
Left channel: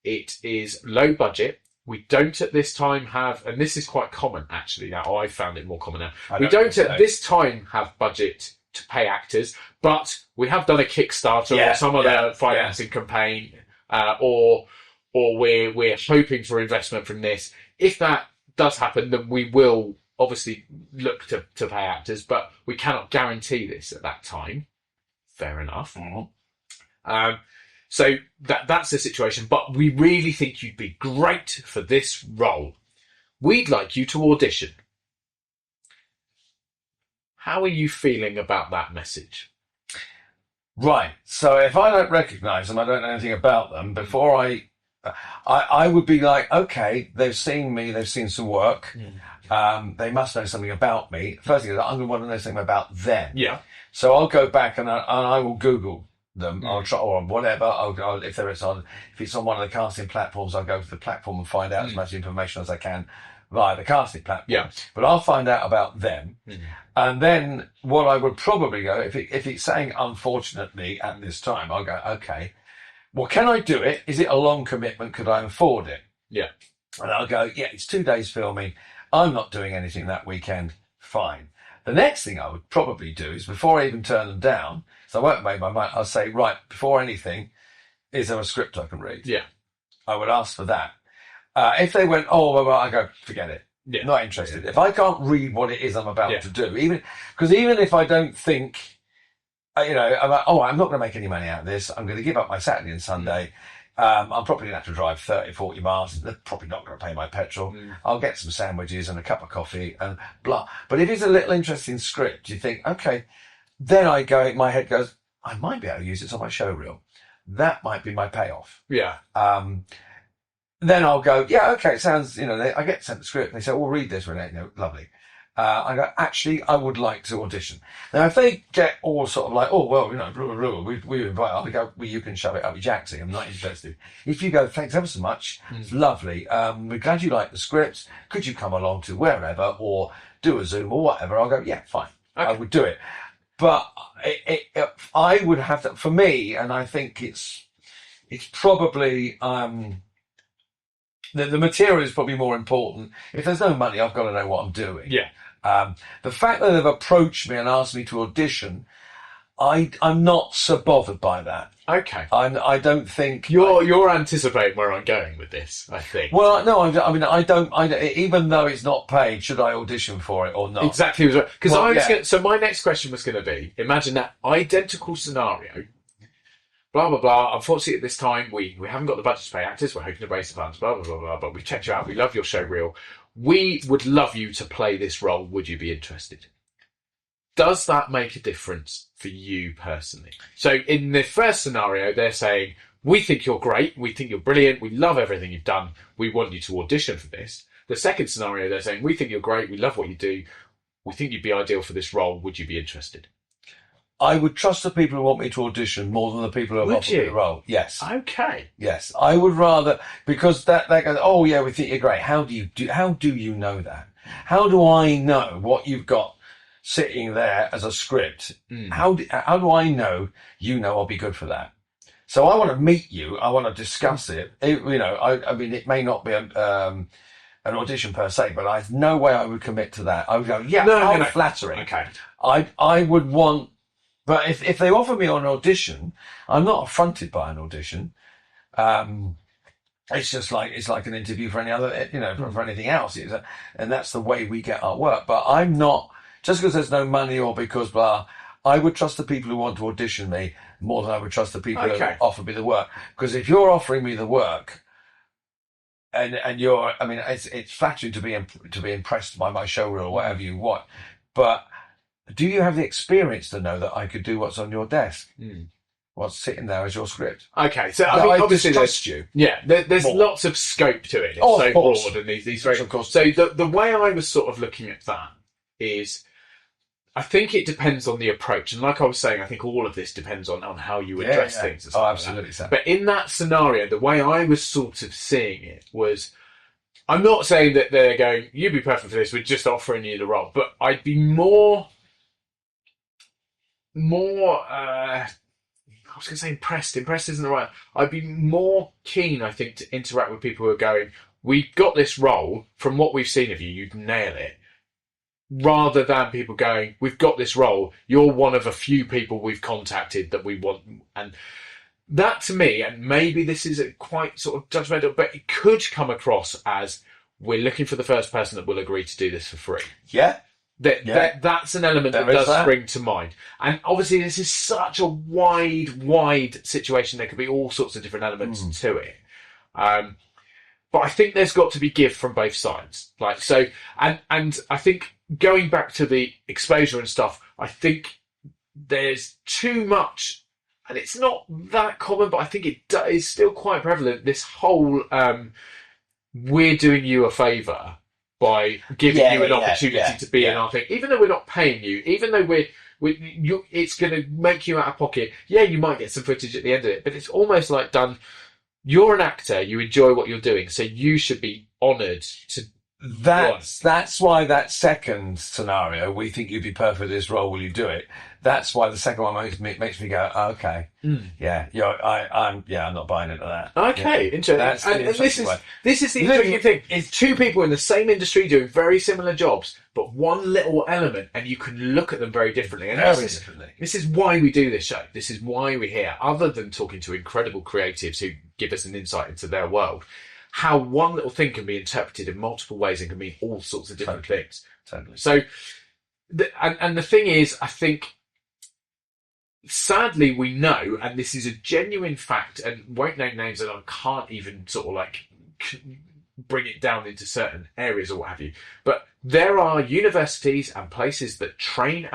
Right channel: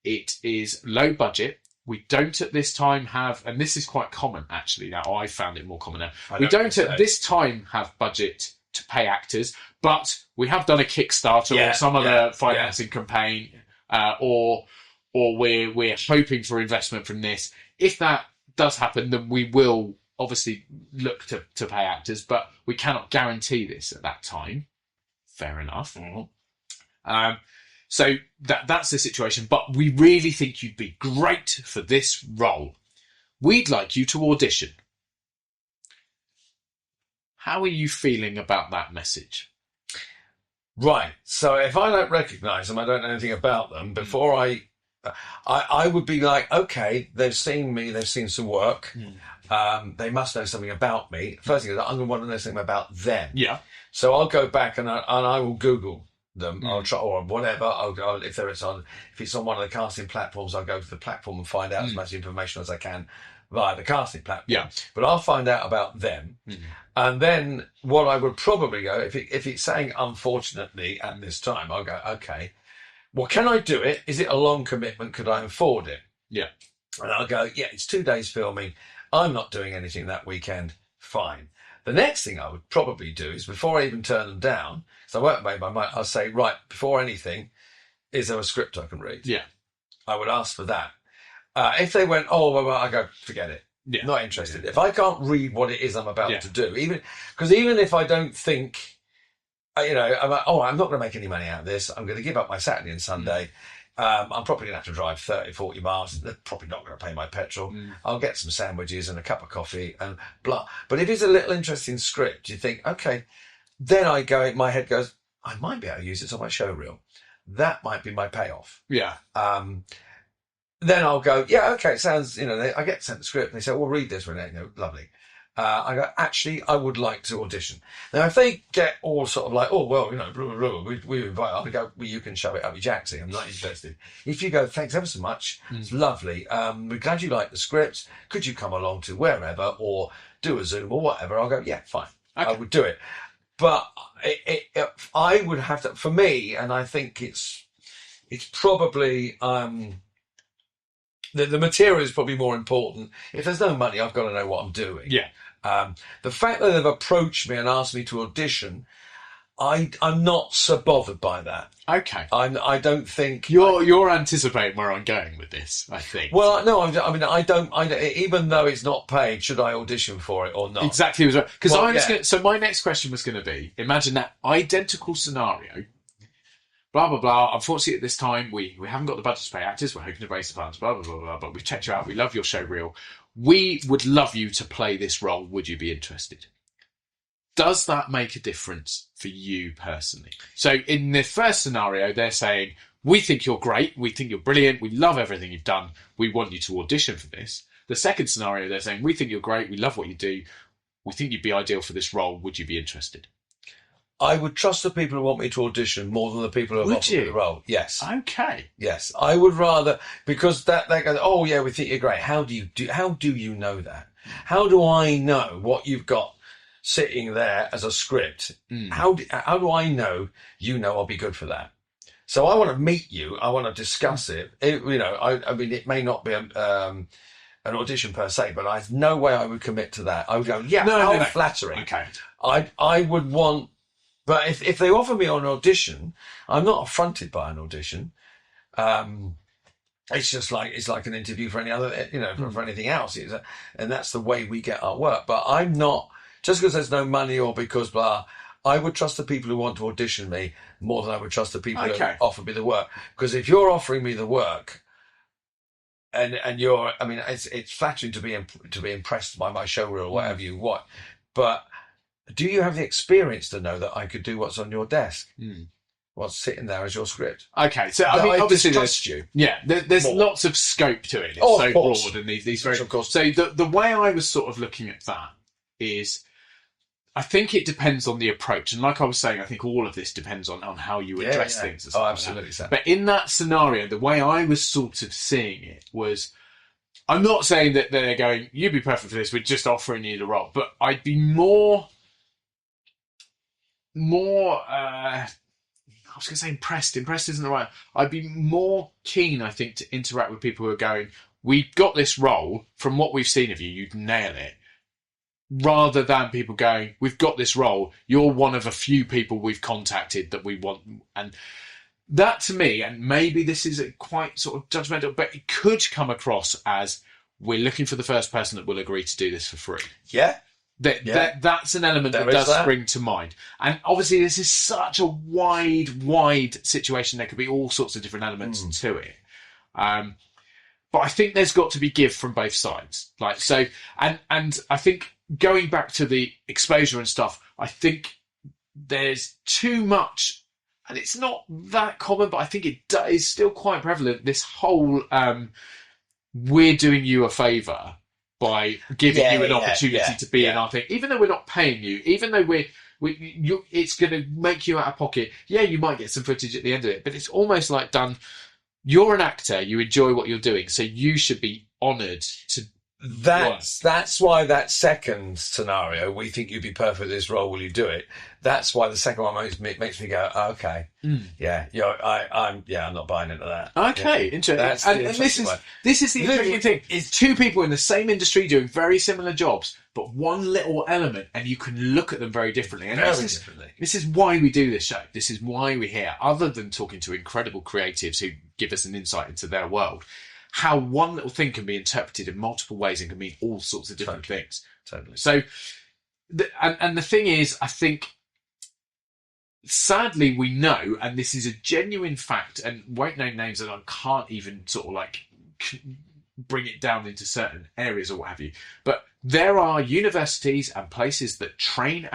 it is low budget. We don't at this time have, and this is quite common actually. Now, I found it more common now. We don't at this time have budget to pay actors, but we have done a Kickstarter or some other financing campaign, or we're hoping for investment from this. If that does happen, then we will obviously look to pay actors, but we cannot guarantee this at that time. Fair enough. Mm-hmm. So that's the situation, but we really think you'd be great for this role. We'd like you to audition. How are you feeling about that message? Right. So if I don't recognise them, I don't know anything about them, before I would be like, okay, they've seen me, they've seen some work. They must know something about me. First thing is, I'm going to want to know something about them. Yeah. So I'll go back and I will Google them. I'll try, or whatever. I'll go, if it's on one of the casting platforms, I'll go to the platform and find out as much information as I can via the casting platform. Yeah. But I'll find out about them. And then what I would probably go, if it's saying unfortunately at this time, I'll go, okay, well, can I do it? Is it a long commitment? Could I afford it? Yeah. And I'll go, yeah, it's 2 days filming. I'm not doing anything that weekend. Fine. The next thing I would probably do is, before I even turn them down, so I won't make my mind, I'll say, right, before anything, is there a script I can read? Yeah. I would ask for that. If they went, oh, well, I go, forget it. Yeah. Not interested. If I can't read what it is I'm about to do, even if I don't think, I'm like, oh, I'm not going to make any money out of this. I'm going to give up my Saturday and Sunday. I'm probably going to have to drive 30, 40 miles. They're probably not going to pay my petrol. I'll get some sandwiches and a cup of coffee and blah. But if it's a little interesting script, you think, okay, then my head goes, I might be able to use it on my show reel. That might be my payoff. Yeah. Then I'll go, yeah, okay, it sounds, I get sent the script and they say, well, read this, Renee. Lovely. I go, actually, I would like to audition. Now, if they get all sort of like, oh, well, we invite, I go, well, you can shove it up your jacksie. I'm not interested. If you go, thanks ever so much, it's lovely. We're glad you like the script. Could you come along to wherever or do a Zoom or whatever? I'll go, yeah, fine. Okay. I would do it. But I would have to, for me, and I think it's probably, the material is probably more important. If there's no money, I've got to know what I'm doing. Yeah. The fact that they've approached me and asked me to audition, I'm not so bothered by that. Okay. I don't think you're anticipating where I'm going with this, I think. Well, no, I mean, I don't. Even though it's not paid, should I audition for it or not? Exactly. Because so my next question was going to be: imagine that identical scenario. Blah blah blah. Unfortunately, at this time, we haven't got the budget to pay actors. We're hoping to raise the funds. Blah blah blah blah. But we've checked you out. We love your show reel. We would love you to play this role. Would you be interested? Does that make a difference for you personally? So in the first scenario, they're saying, we think you're great. We think you're brilliant. We love everything you've done. We want you to audition for this. The second scenario, they're saying, we think you're great. We love what you do. We think you'd be ideal for this role. Would you be interested? I would trust the people who want me to audition more than the people who have offered me the role. Yes. Okay. Yes, I would rather, because that goes, oh yeah, we think you're great. How do you know that? How do I know what you've got sitting there as a script? How do I know I'll be good for that? So I want to meet you. I want to discuss it. I mean, it may not be an audition per se, but I've no way I would commit to that. I would go, yeah, no. Flattering. Okay. I would want, but if they offer me an audition, I'm not affronted by an audition. It's just like an interview for any other, for anything else. And that's the way we get our work. But I'm not, just because there's no money or because blah, I would trust the people who want to audition me more than I would trust the people who offer me the work. Because if you're offering me the work, and you're, I mean, it's flattering to be impressed by my show reel or whatever you want, but do you have the experience to know that I could do what's on your desk? What's sitting there as your script? Okay, so I mean, obviously there's lots of scope to it. It's so broad, and these very, of course. So the way I was sort of looking at that is, I think it depends on the approach, and like I was saying, I think all of this depends on how you address things. Oh, absolutely. Like but in that scenario, the way I was sort of seeing it was, I'm not saying that they're going, you'd be perfect for this, we're just offering you the role, but I'd be more. I was going to say impressed. Impressed isn't the right. I'd be more keen, I think, to interact with people who are going, we've got this role. From what we've seen of you, you'd nail it. Rather than people going, we've got this role. You're one of a few people we've contacted that we want. And that to me, and maybe this is a quite sort of judgmental, but it could come across as, we're looking for the first person that will agree to do this for free. Yeah. That's an element that does spring to mind. And obviously this is such a wide situation. There could be all sorts of different elements to it. But I think there's got to be give from both sides. Like, so, and I think going back to the exposure and stuff, I think there's too much, and it's not that common, but I think it is still quite prevalent. This whole, we're doing you a favour by giving you an opportunity to be in our thing, even though we're not paying you, even though it's going to make you out of pocket. Yeah, you might get some footage at the end of it, but it's almost like done. You're an actor, you enjoy what you're doing, so you should be honoured to. That's why that second scenario, we think you'd be perfect for this role, will you do it? That's why the second one makes me go, oh, okay, I'm not buying into that. Okay, interesting. And this is the interesting thing. It's two people in the same industry doing very similar jobs, but one little element, and you can look at them very differently. And this is why we do this show. This is why we're here. Other than talking to incredible creatives who give us an insight into their world, how one little thing can be interpreted in multiple ways and can mean all sorts of different things. Totally. So, and the thing is, I think, sadly, we know, and this is a genuine fact, and won't name names, and I can't even sort of like bring it down into certain areas or what have you, but there are universities and places that train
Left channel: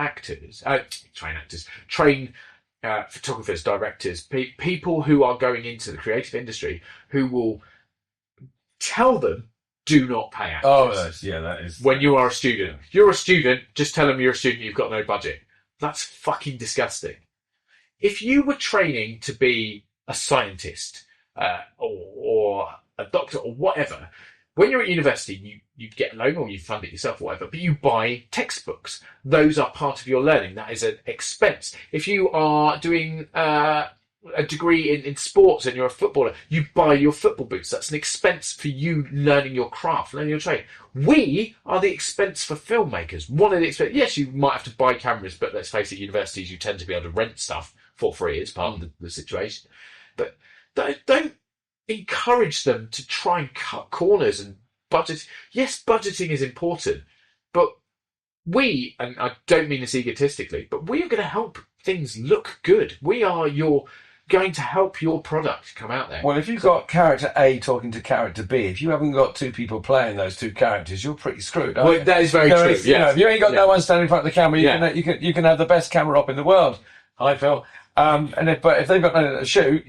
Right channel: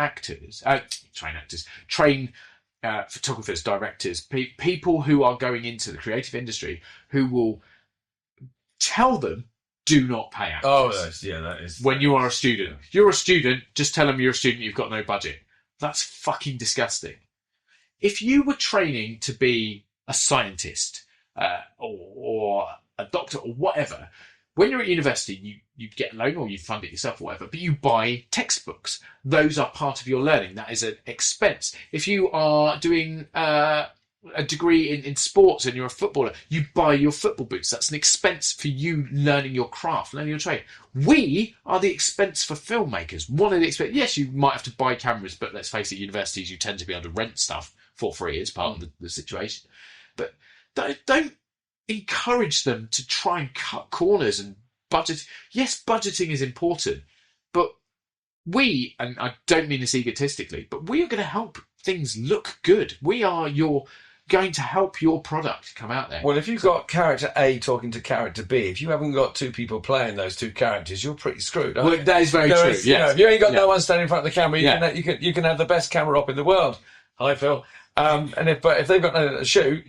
photographers, directors, people who are going into the creative industry, who will tell them do not pay actors. Oh, that is. When you are a student. If you're a student, just tell them you're a student, you've got no budget. That's fucking disgusting. If you were training to be a scientist or a doctor or whatever, when you're at university, you get a loan or you fund it yourself or whatever, but you buy textbooks. Those are part of your learning. That is an expense. If you are doing a degree in sports and you're a footballer, you buy your football boots. That's an expense for you learning your craft, learning your trade. We are the expense for filmmakers. One of the expense. Yes, you might have to buy cameras, but let's face it, universities, you tend to be able to rent stuff for free as part of the situation. But don't encourage them to try and cut corners and budget. Yes, budgeting is important, but we, and I don't mean this egotistically, but we are going to help things look good. We are going to help your product come out there. Well, if you've got character A talking to character B, if you haven't got two people playing those two characters, you're pretty screwed. Well, that is very true. Yes. If you ain't got no one standing in front of the camera, you can have the best camera op in the world. I feel. But if they've got nothing to shoot.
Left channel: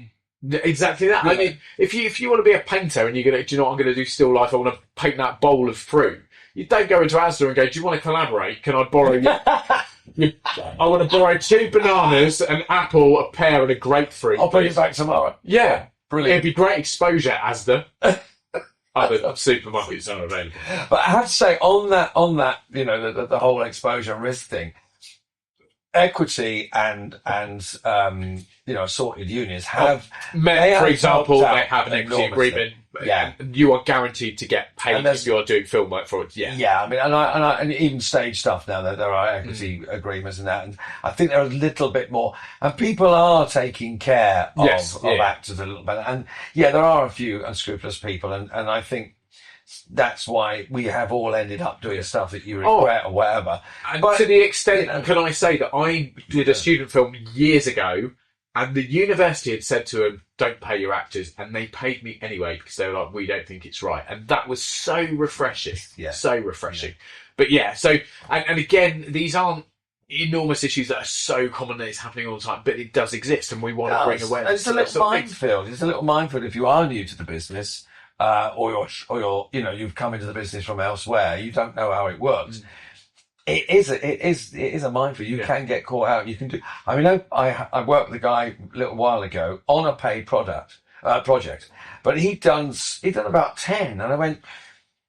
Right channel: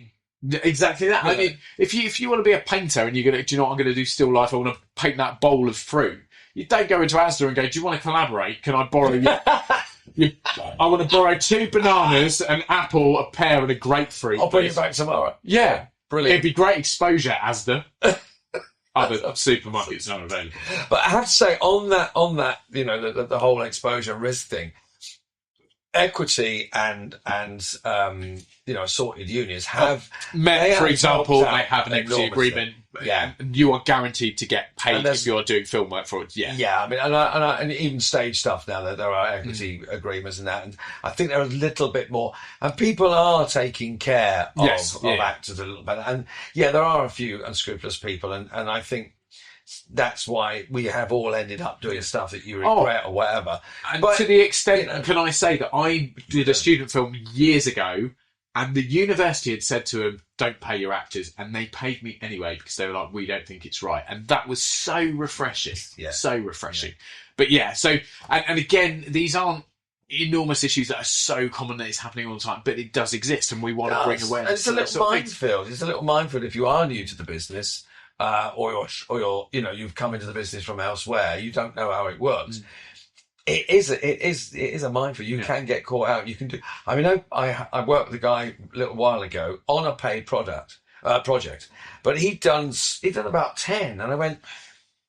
Exactly that. Yeah. I mean, if you want to be a painter and you're going to, do you know what I'm going to do? Still life. I want to paint that bowl of fruit. You don't go into Asda and go, do you want to collaborate? Can I borrow you? I want to borrow 2 bananas, an apple, a pear, and a grapefruit. I'll bring it back tomorrow. Yeah, brilliant. It'd be great exposure, Asda. Other supermarkets aren't available. But I have to say, on that, the whole exposure and risk thing, equity and assorted unions have for example, they have an equity agreement. Yeah, you are guaranteed to get paid if you're doing film work for it. Yeah. I mean, and even stage stuff now, there are equity agreements and that, and I think they're a little bit more, and people are taking care of actors a little bit, and there are a few unscrupulous people, and I think that's why we have all ended up doing stuff that you regret or whatever. And to the extent, can I say that I did a student film years ago, and the university had said to them, don't pay your actors, and they paid me anyway because they were like, we don't think it's right. And that was so refreshing. Yeah. So refreshing. Yeah. But so, and again, these aren't enormous issues that are so common that it's happening all the time, but it does exist, and we want to bring awareness. It's a little minefield. It's a little minefield if you are new to the business. Or you've come into the business from elsewhere, you don't know how it works. It is a minefield. You can get caught out. You can do. I mean, I worked with a guy a little while ago on a paid project, but he'd done about 10, and I went,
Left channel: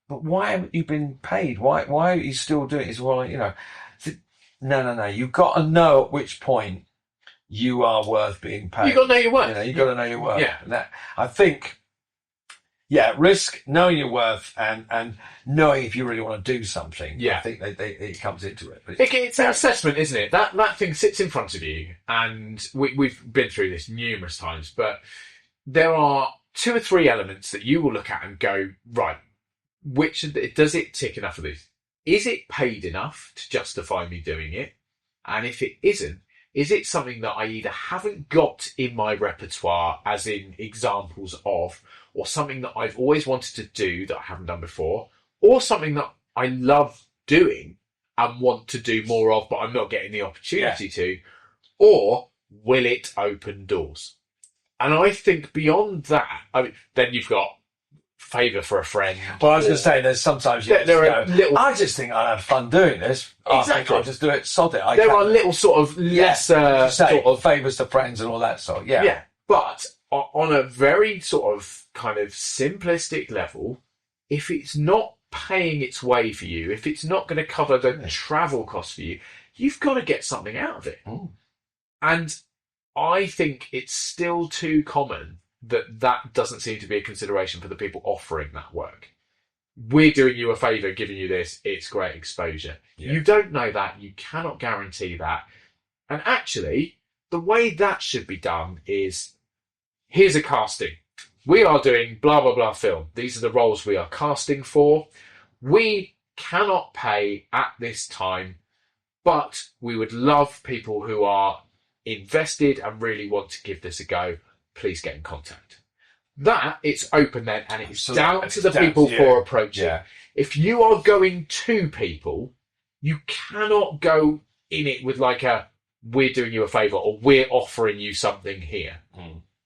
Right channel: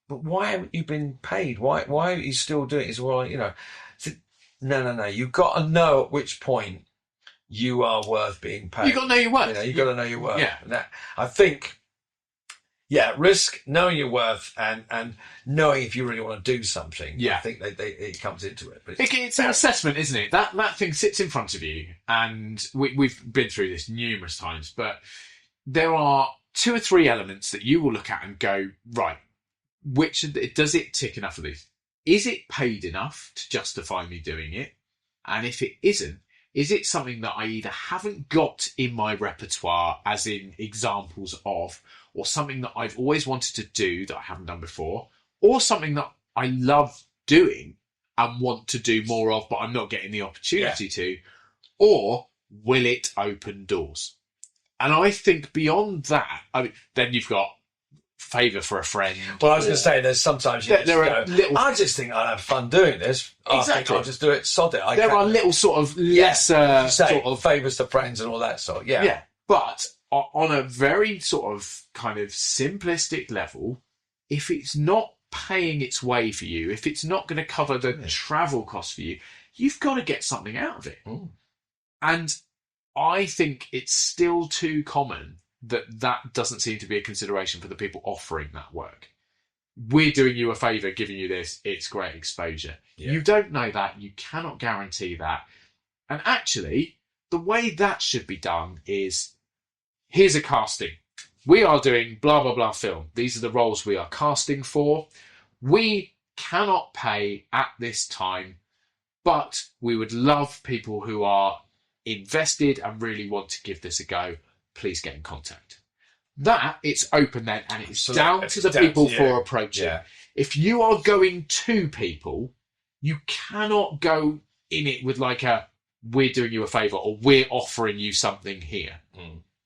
but why haven't you been paid? Why are you still doing it? He said, well, I said, no. You've got to know at which point you are worth being paid. You've got to know your worth. You've got to know your worth. Yeah. And that, I think. Yeah, risk, knowing your worth, and knowing if you really want to do something. Yeah. I think it comes into it. But it's an assessment, isn't it? That thing sits in front of you, and we've been through this numerous times, but there are 2 or 3 elements that you will look at and go, right, does it tick enough of these? Is it paid enough to justify me doing it? And if it isn't, is it something that I either haven't got in my repertoire, as in examples of, or something that I've always wanted to do that I haven't done before, or something that I love doing and want to do more of, but I'm not getting the opportunity to, or will it open doors? And I think beyond that, then you've got favour for a friend. Well, I was going to say, there's sometimes I just think I had fun doing this. Exactly. I'll just do it, sod it. There are little sort of lesser sort of favours to friends and all that sort. Yeah. Yeah, but on a very sort of kind of simplistic level, if it's not paying its way for you, if it's not going to cover the travel costs for you, you've got to get something out of it. And I think it's still too common that doesn't seem to be a consideration for the people offering that work. We're doing you a favour, giving you this, it's great exposure. You don't know that, you cannot guarantee that. And actually, the way that should be done is, here's a casting. We are doing blah, blah, blah film. These are the roles we are casting for. We cannot pay at this time, but we would love people who are invested and really want to give this a go. Please get in contact. That, it's open then, and it's down to the people for approaching. Yeah. If you are going to people, you cannot go in it with like we're doing you a favour or we're offering you something here.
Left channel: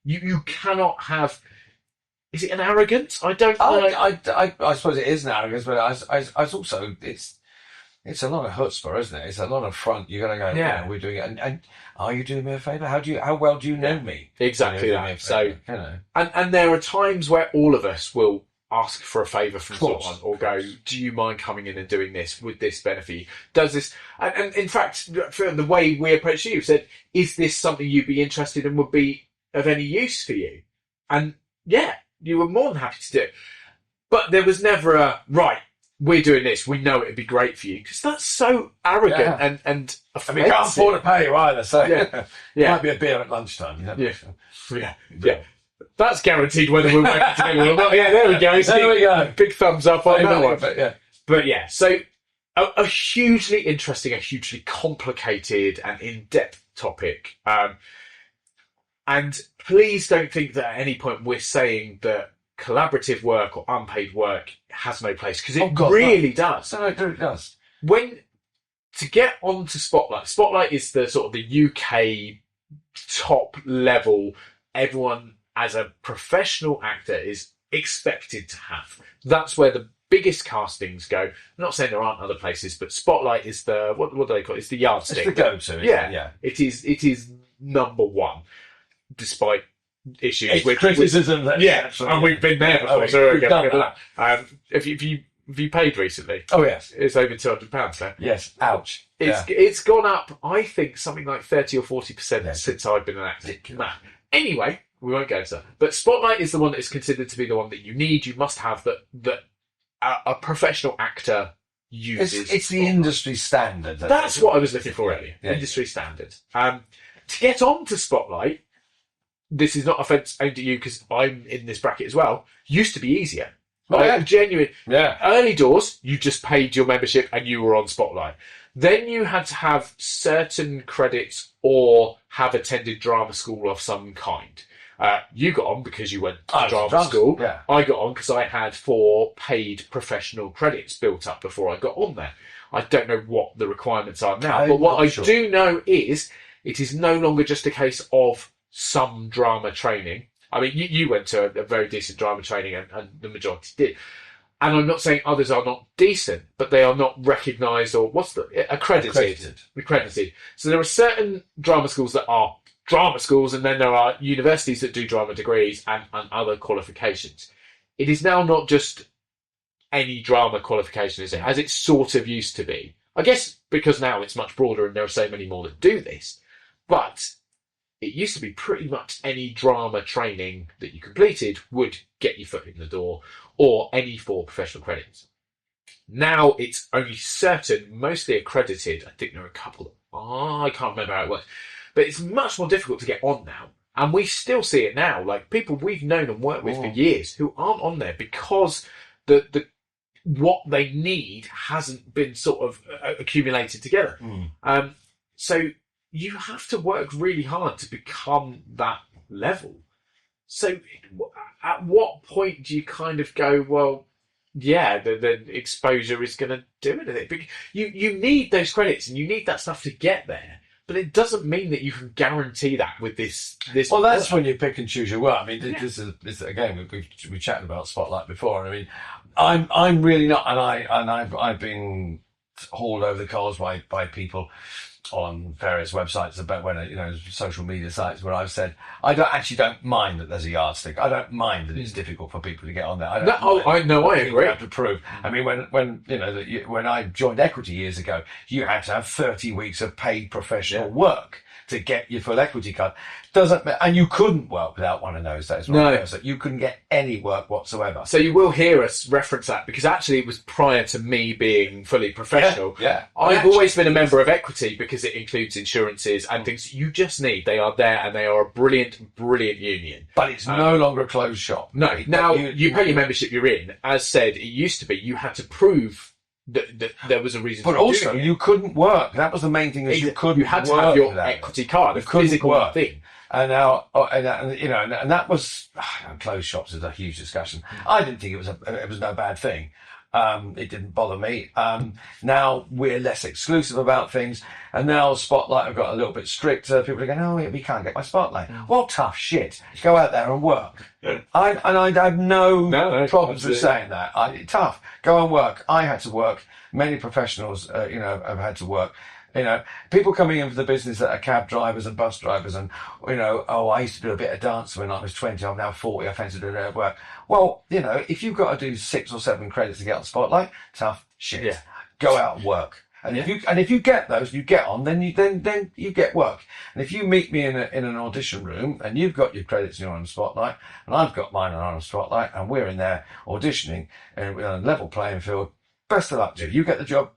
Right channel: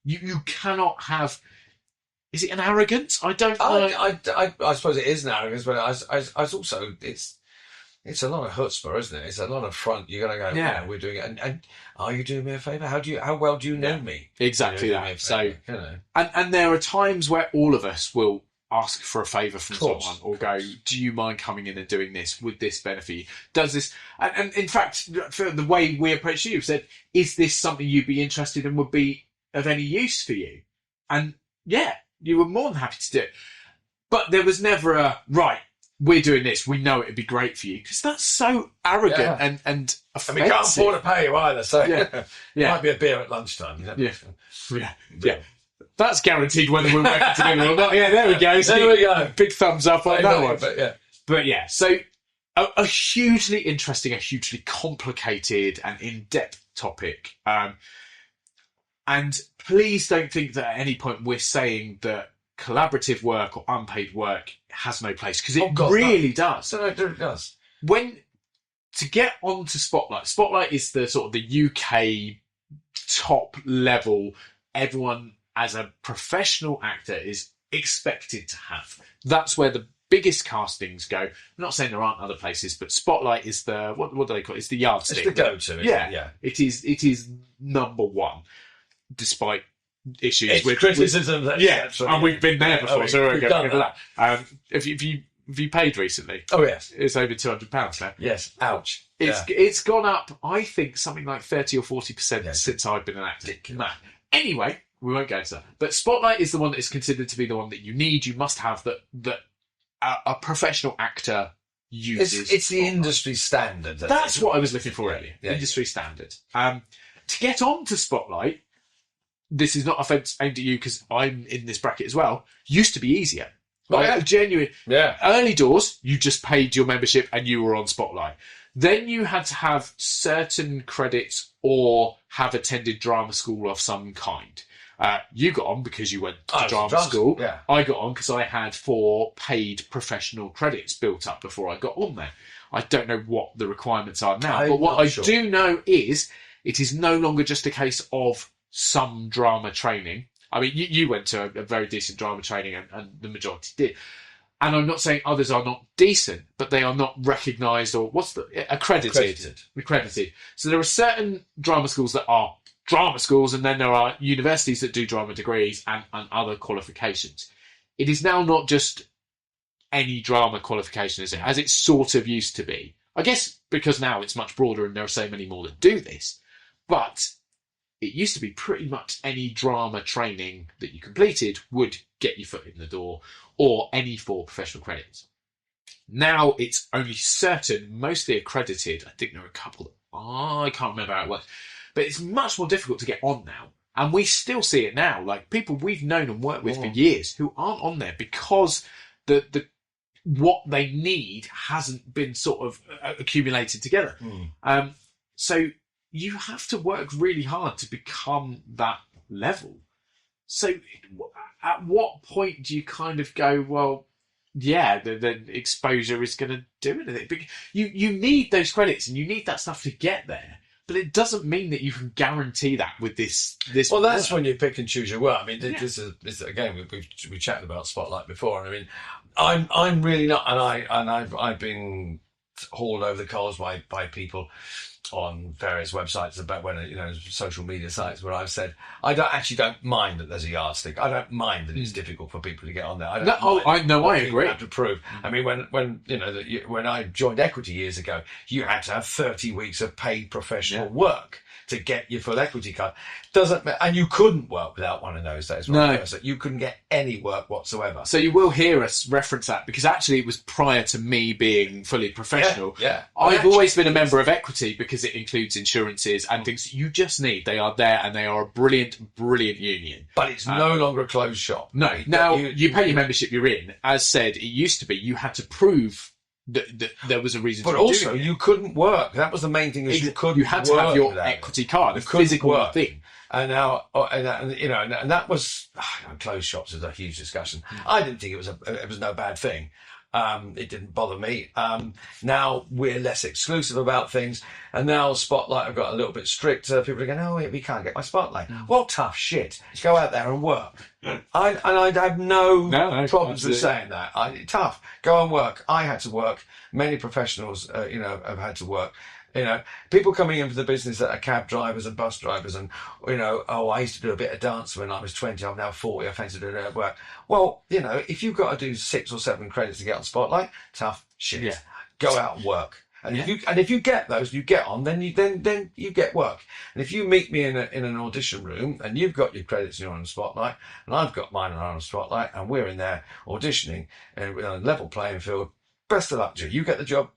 You cannot have is it an arrogance? I don't know. I suppose it is an arrogance, but I also it's a lot of chutzpah, isn't it? It's a lot of front. You're going to go, yeah, we're doing it. And are you doing me a favour? How well do you know me? Exactly that. So, and there are times where all of us will ask for a favour from someone or go, do you mind coming in and doing this? Would this benefit you? Does this? And in fact, for the way we approached you, said, is this something you'd be interested in, would be of any use for you? And yeah, you were more than happy to do it. But there was never a, right, we're doing this, we know it'd be great for you, because that's so arrogant and offensive. And we can't afford to pay you either, so might be a beer at lunchtime. Yeah. That's guaranteed whether we're working together or not. Yeah, there we go. There we go. Big thumbs up on that one. But yeah, so a hugely interesting, a hugely complicated and in-depth topic. And please don't think that at any point we're saying that collaborative work or unpaid work has no place, because it really does. No, it does. To get onto Spotlight is the sort of the UK top level, everyone as a professional actor is expected to have. That's where the biggest castings go. I'm not saying there aren't other places, but Spotlight is the what do they call it? It's the yardstick. It's the go-to. Yeah. It is number one, despite issues with criticism. And we've been there before. So we've done that. Have you paid recently? Oh yes, it's over £200 now. Yes, ouch. It's gone up. I think something like 30 or 40% since I've been an actor. Nah. Anyway, we won't go into that. But Spotlight is the one that is considered to be the one that you need. You must have that a professional actor uses. It's the industry standard. That's what I was looking for earlier. Industry standard. To get on to Spotlight, this is not offence aimed at you because I'm in this bracket as well, used to be easier. Genuine. Yeah. Early doors, you just paid your membership and you were on Spotlight. Then you had to have certain credits or have attended drama school of some kind. You got on because you went to drama school. Yeah. I got on because I had 4 paid professional credits built up before I got on there. I don't know what the requirements are now, but what I do know is it is no longer just a case of some drama training. I mean, you went to a very decent drama training and the majority did. And I'm not saying others are not decent, but they are not recognised or accredited. So there are certain drama schools that are drama schools, and then there are universities that do drama degrees and other qualifications. It is now not just any drama qualification, is it? As it sort of used to be. I guess because now it's much broader and there are so many more that do this. But it used to be pretty much any drama training that you completed would get your foot in the door, or any 4 professional credits. Now it's only certain, mostly accredited. I think there are a couple. I can't remember how it works. But it's much more difficult to get on now. And we still see it now. Like people we've known and worked with for years who aren't on there because the what they need hasn't been sort of accumulated together. So you have to work really hard to become that level. So at what point do you kind of go, well, yeah, the exposure is going to do it. You need those credits and you need that stuff to get there. But it doesn't mean that you can guarantee that with this. Well, that's when you pick and choose your work. I mean, this is again we've chatted about Spotlight before. I mean, I'm really not, and I've been hauled over the coals by people on various websites about social media sites where I've said I don't mind that there's a yardstick. I don't mind that it's difficult for people to get on there. I agree. Have to prove. I mean, when I joined Equity years ago, you had to have 30 weeks of paid professional work to get your full equity card. And you couldn't work without one of those days. No, you couldn't get any work whatsoever. So you will hear us reference that because actually it was prior to me being fully professional. I've always been a member of Equity because it includes insurances and things you just need. They are there and they are a brilliant union. But it's no longer a closed shop. No. Now you pay your membership you're in. As said, it used to be you had to prove that there was a reason. But also, you couldn't work. That was the main thing. You had to have your equity card, a physical thing. And now, and that was closed shops is a huge discussion. I didn't think it was no bad thing, It didn't bother me. Now we're less exclusive about things, and now Spotlight have got a little bit stricter. People are going, "Oh, we can't get my Spotlight." Well, tough shit. Go out there and work. I have no problems with saying that. Tough. Go and work. I had to work. Many professionals, have had to work. People coming into the business that are cab drivers and bus drivers, and I used to do a bit of dance when I was 20. I'm now 40. I fancy doing a bit of work. Well, if you've got to do 6 or 7 credits to get on Spotlight, tough shit. Yeah. Go out and work. And if you get those, you get on, then you get work. And if you meet me in an audition room and you've got your credits and you're on the Spotlight, and I've got mine and I'm on the Spotlight, and we're in there auditioning and we're on a level playing field, best of luck to you. You get the job.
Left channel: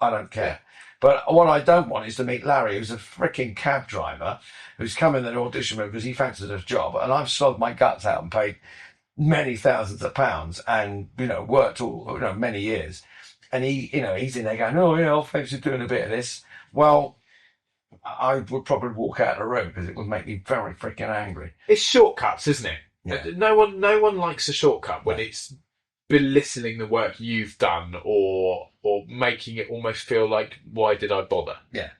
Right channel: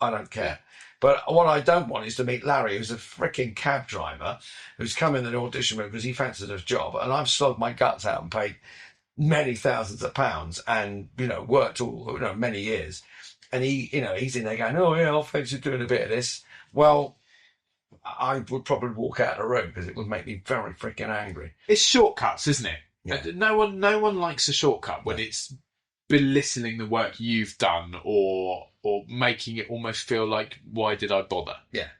I don't care. But what I don't want is to meet Larry, who's a freaking cab driver, who's come in the audition room because he fancies a job, and I've slogged my guts out and paid many thousands of pounds and worked all many years, and he's in there going, "Oh yeah, I'll fancy doing a bit of this." Well, I would probably walk out of the room because it would make me very freaking angry. It's shortcuts, isn't it? Yeah. No one likes a shortcut when it's belittling the work you've done or making it almost feel like, why did I bother? Yeah.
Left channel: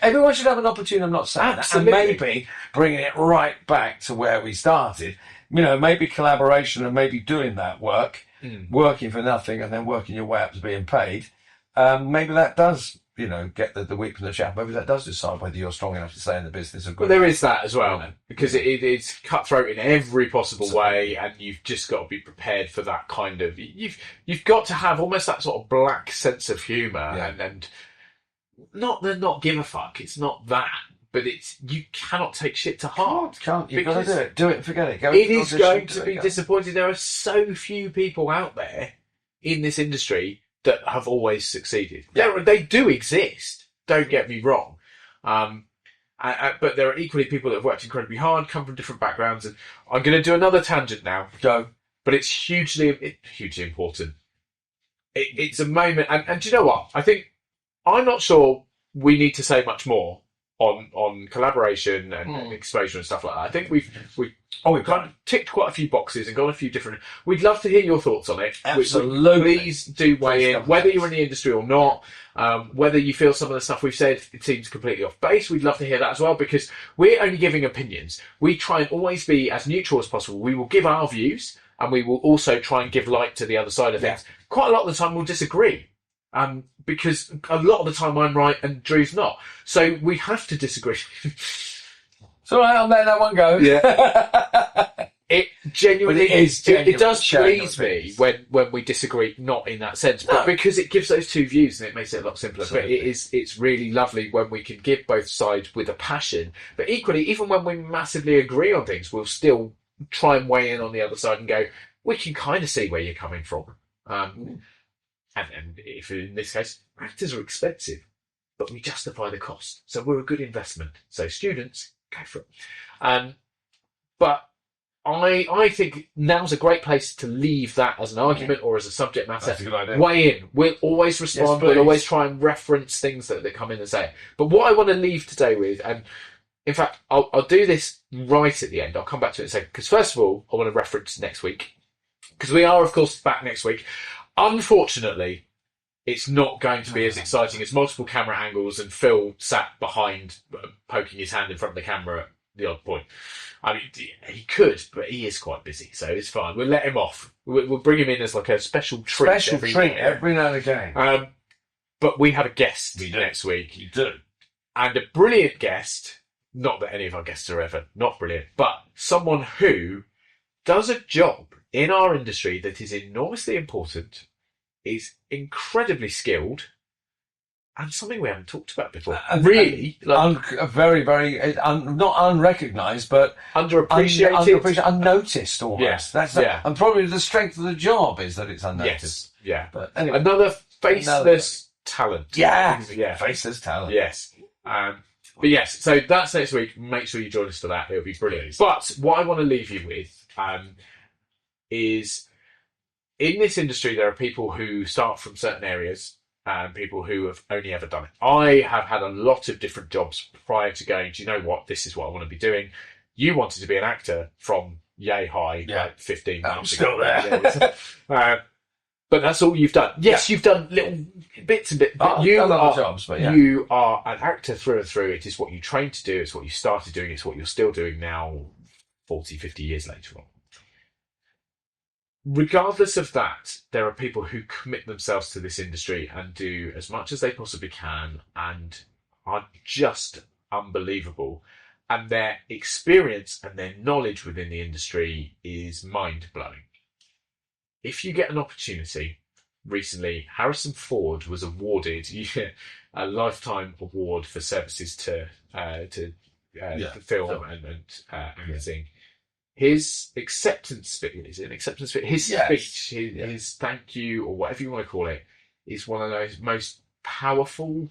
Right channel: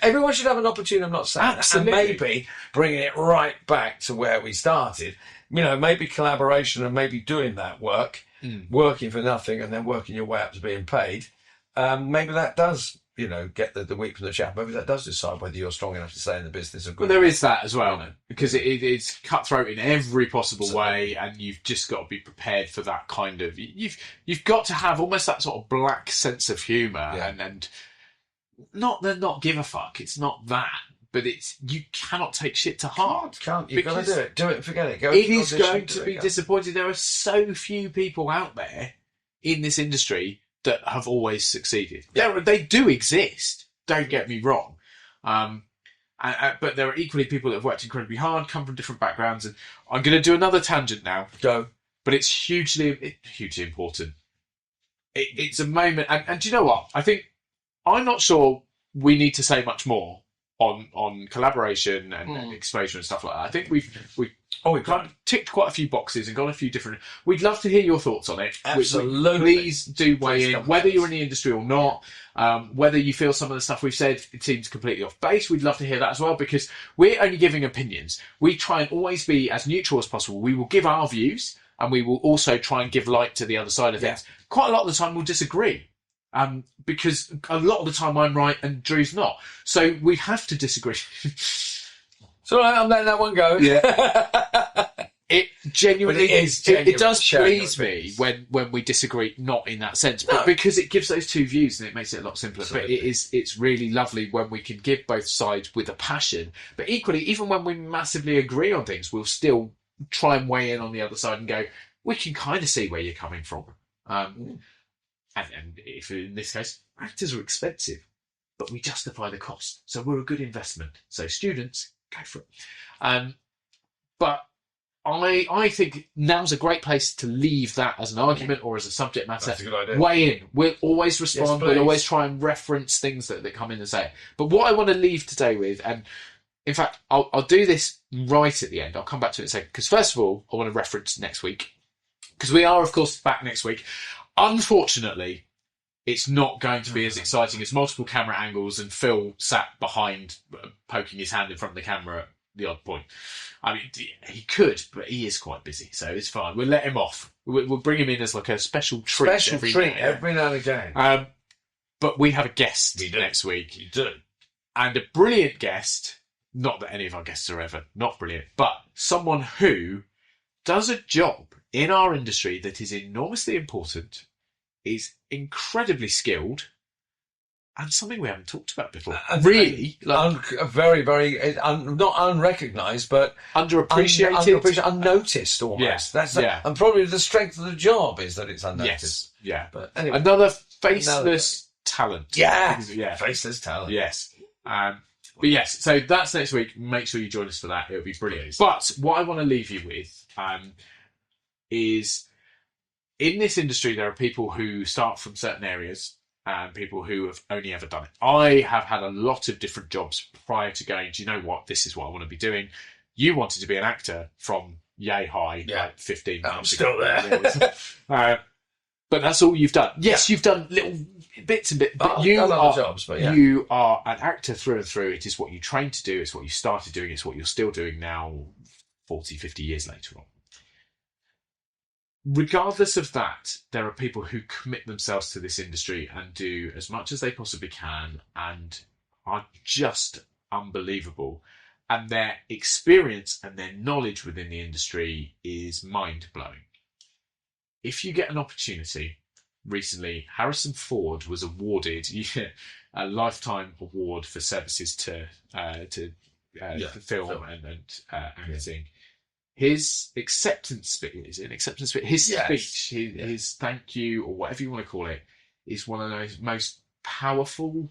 Everyone should have an opportunity. I'm not saying that. And maybe bringing it right back to where we started. Maybe collaboration and maybe doing that work, working for nothing and then working your way up to being paid. Maybe that does, get the wheat from the chaff. Maybe that does decide whether you're strong enough to stay in the business. Well, there is that as well, because it's cutthroat in every possible way, and you've just got to be prepared for that kind of. You've got to have almost that sort of black sense of humour, and not give a fuck. It's not that, but you cannot take shit to heart. Can't. You've got to do it. Do it and forget it. It is going to be disappointing. There are so few people out there in this industry that have always succeeded. They do exist, don't get me wrong, but there are equally people that have worked incredibly hard, come from different backgrounds, and I'm going to do another tangent now. Go. But it's hugely important. It's a moment, and do you know what? I'm not sure we need to say much more on collaboration and exposure and stuff like that. I think we've kind of ticked quite a few boxes and got a few different. We'd love to hear your thoughts on it. Absolutely. Please do weigh in, whether you're in the industry or not. Whether you feel some of the stuff we've said it seems completely off base, we'd love to hear that as well, because we're only giving opinions. We try and always be as neutral as possible. We will give our views, and we will also try and give light to the other side of things. Quite a lot of the time we'll disagree. Because a lot of the time I'm right and Drew's not. So we have to disagree. So I'll let that one go. Yeah. It genuinely it does please me when we disagree, not in that sense, but because it gives those two views and it makes it a lot simpler. Absolutely. But it's really lovely when we can give both sides with a passion. But equally, even when we massively agree on things, we'll still try and weigh in on the other side and go, we can kind of see where you're coming from. And if in this case, actors are expensive, but we justify the cost. So we're a good investment. So students, go for it. But I think now's a great place to leave that as an argument or as a subject matter. That's a good idea. Weigh in. We'll always respond. We'll always try and reference things that come in and say. But what I want to leave today with, and in fact, I'll do this right at the end. I'll come back to it in a second. Because first of all, I want to reference next week. Because we are, of course, back next week. Unfortunately, it's not going to be as exciting as multiple camera angles and Phil sat behind poking his hand in front of the camera at the odd point. I mean, he could, but he is quite busy, so it's fine. We'll let him off. We'll bring him in as like a special treat every now and again. But we have a guest next week. You do. And a brilliant guest, not that any of our guests are ever not brilliant, but someone who does a job in our industry that is enormously important, is incredibly skilled, and something we haven't talked about before. Really, very, very not unrecognised, but underappreciated, unnoticed almost. And probably the strength of the job is that it's unnoticed. Yes, yeah. But anyway, another faceless talent. Yeah, faceless talent. Yes. But yes, so that's next week. Make sure you join us for that. It'll be brilliant. But what I want to leave you with is, in this industry, there are people who start from certain areas and people who have only ever done it. I have had a lot of different jobs prior to going, do you know what? This is what I want to be doing. You wanted to be an actor from yay high, like 15 months ago. I'm still there. But that's all you've done. Yes, you've done little bits and bits. But you are an actor through and through. It is what you trained to do. It's what you started doing. It's what you're still doing now, 40, 50 years later on. Regardless of that, there are people who commit themselves to this industry and do as much as they possibly can and are just unbelievable. And their experience and their knowledge within the industry is mind-blowing. If you get an opportunity, recently Harrison Ford was awarded a lifetime award for services to the film and acting. His acceptance speech, is it an acceptance speech? His speech, his thank you, or whatever you want to call it, is one of those most powerful,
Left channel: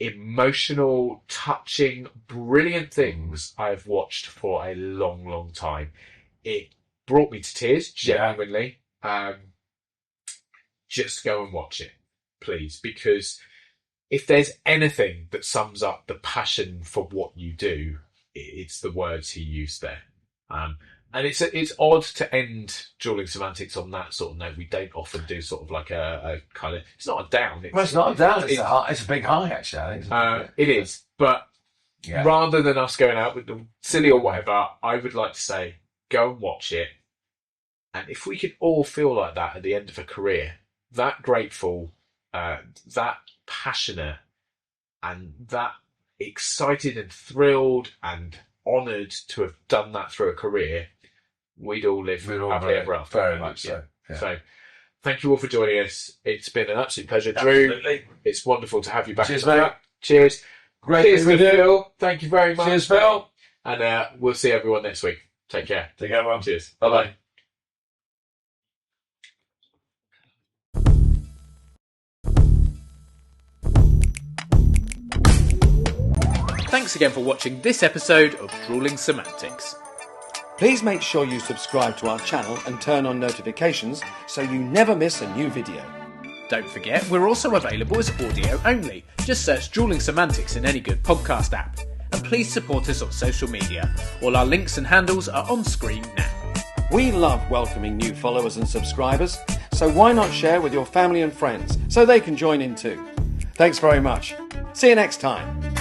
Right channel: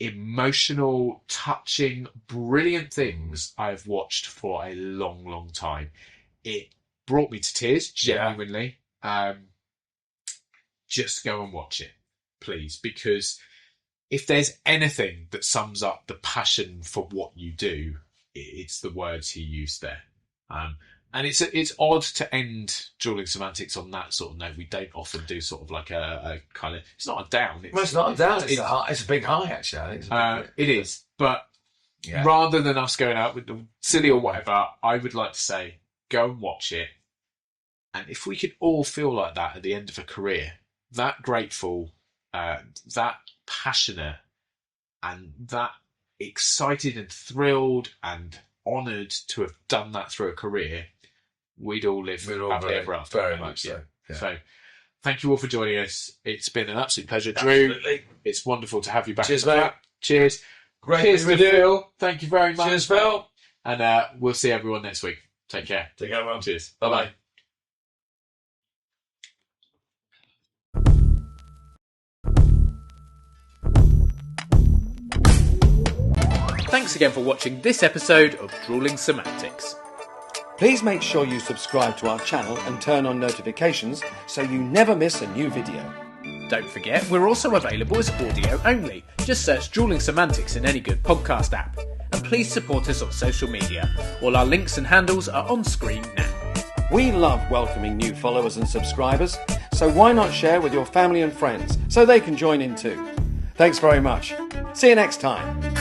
emotional, touching, brilliant things I've watched for a long, long time. It brought me to tears, genuinely. Just go and watch it, please, because if there's anything that sums up the passion for what you do, it's the words he used there. And it's odd to end Drewling Samantics on that sort of note. We don't often do sort of like a kind of, it's not a down. It's not a down. It's a big high, actually. I think it is. But rather than us going out with the silly or whatever, I would like to say, go and watch it. And if we could all feel like that at the end of a career, that grateful, that passionate, and that excited and thrilled and honoured to have done that through a career, we'd all live happily ever after. Very much so. Yeah. So, thank you all for joining us. It's been an absolute pleasure, Drew. It's wonderful to have you back. Cheers, mate. Cheers. Great. Cheers, Phil. Thank you very much. Cheers, Phil. And we'll see everyone next week. Take care. Take care, everyone. Cheers. Bye-bye. Thanks again for watching this episode of Drewling Samantics. Please make sure you subscribe to our channel and turn on notifications so you never miss a new video. Don't forget, we're also available as audio only. Just search Drewling Samantics in any good podcast app. And please support us on social media. All our links and handles are on screen now. We love welcoming new followers and subscribers, so why not share with your family and friends so they can join in too? Thanks very much. See you next time.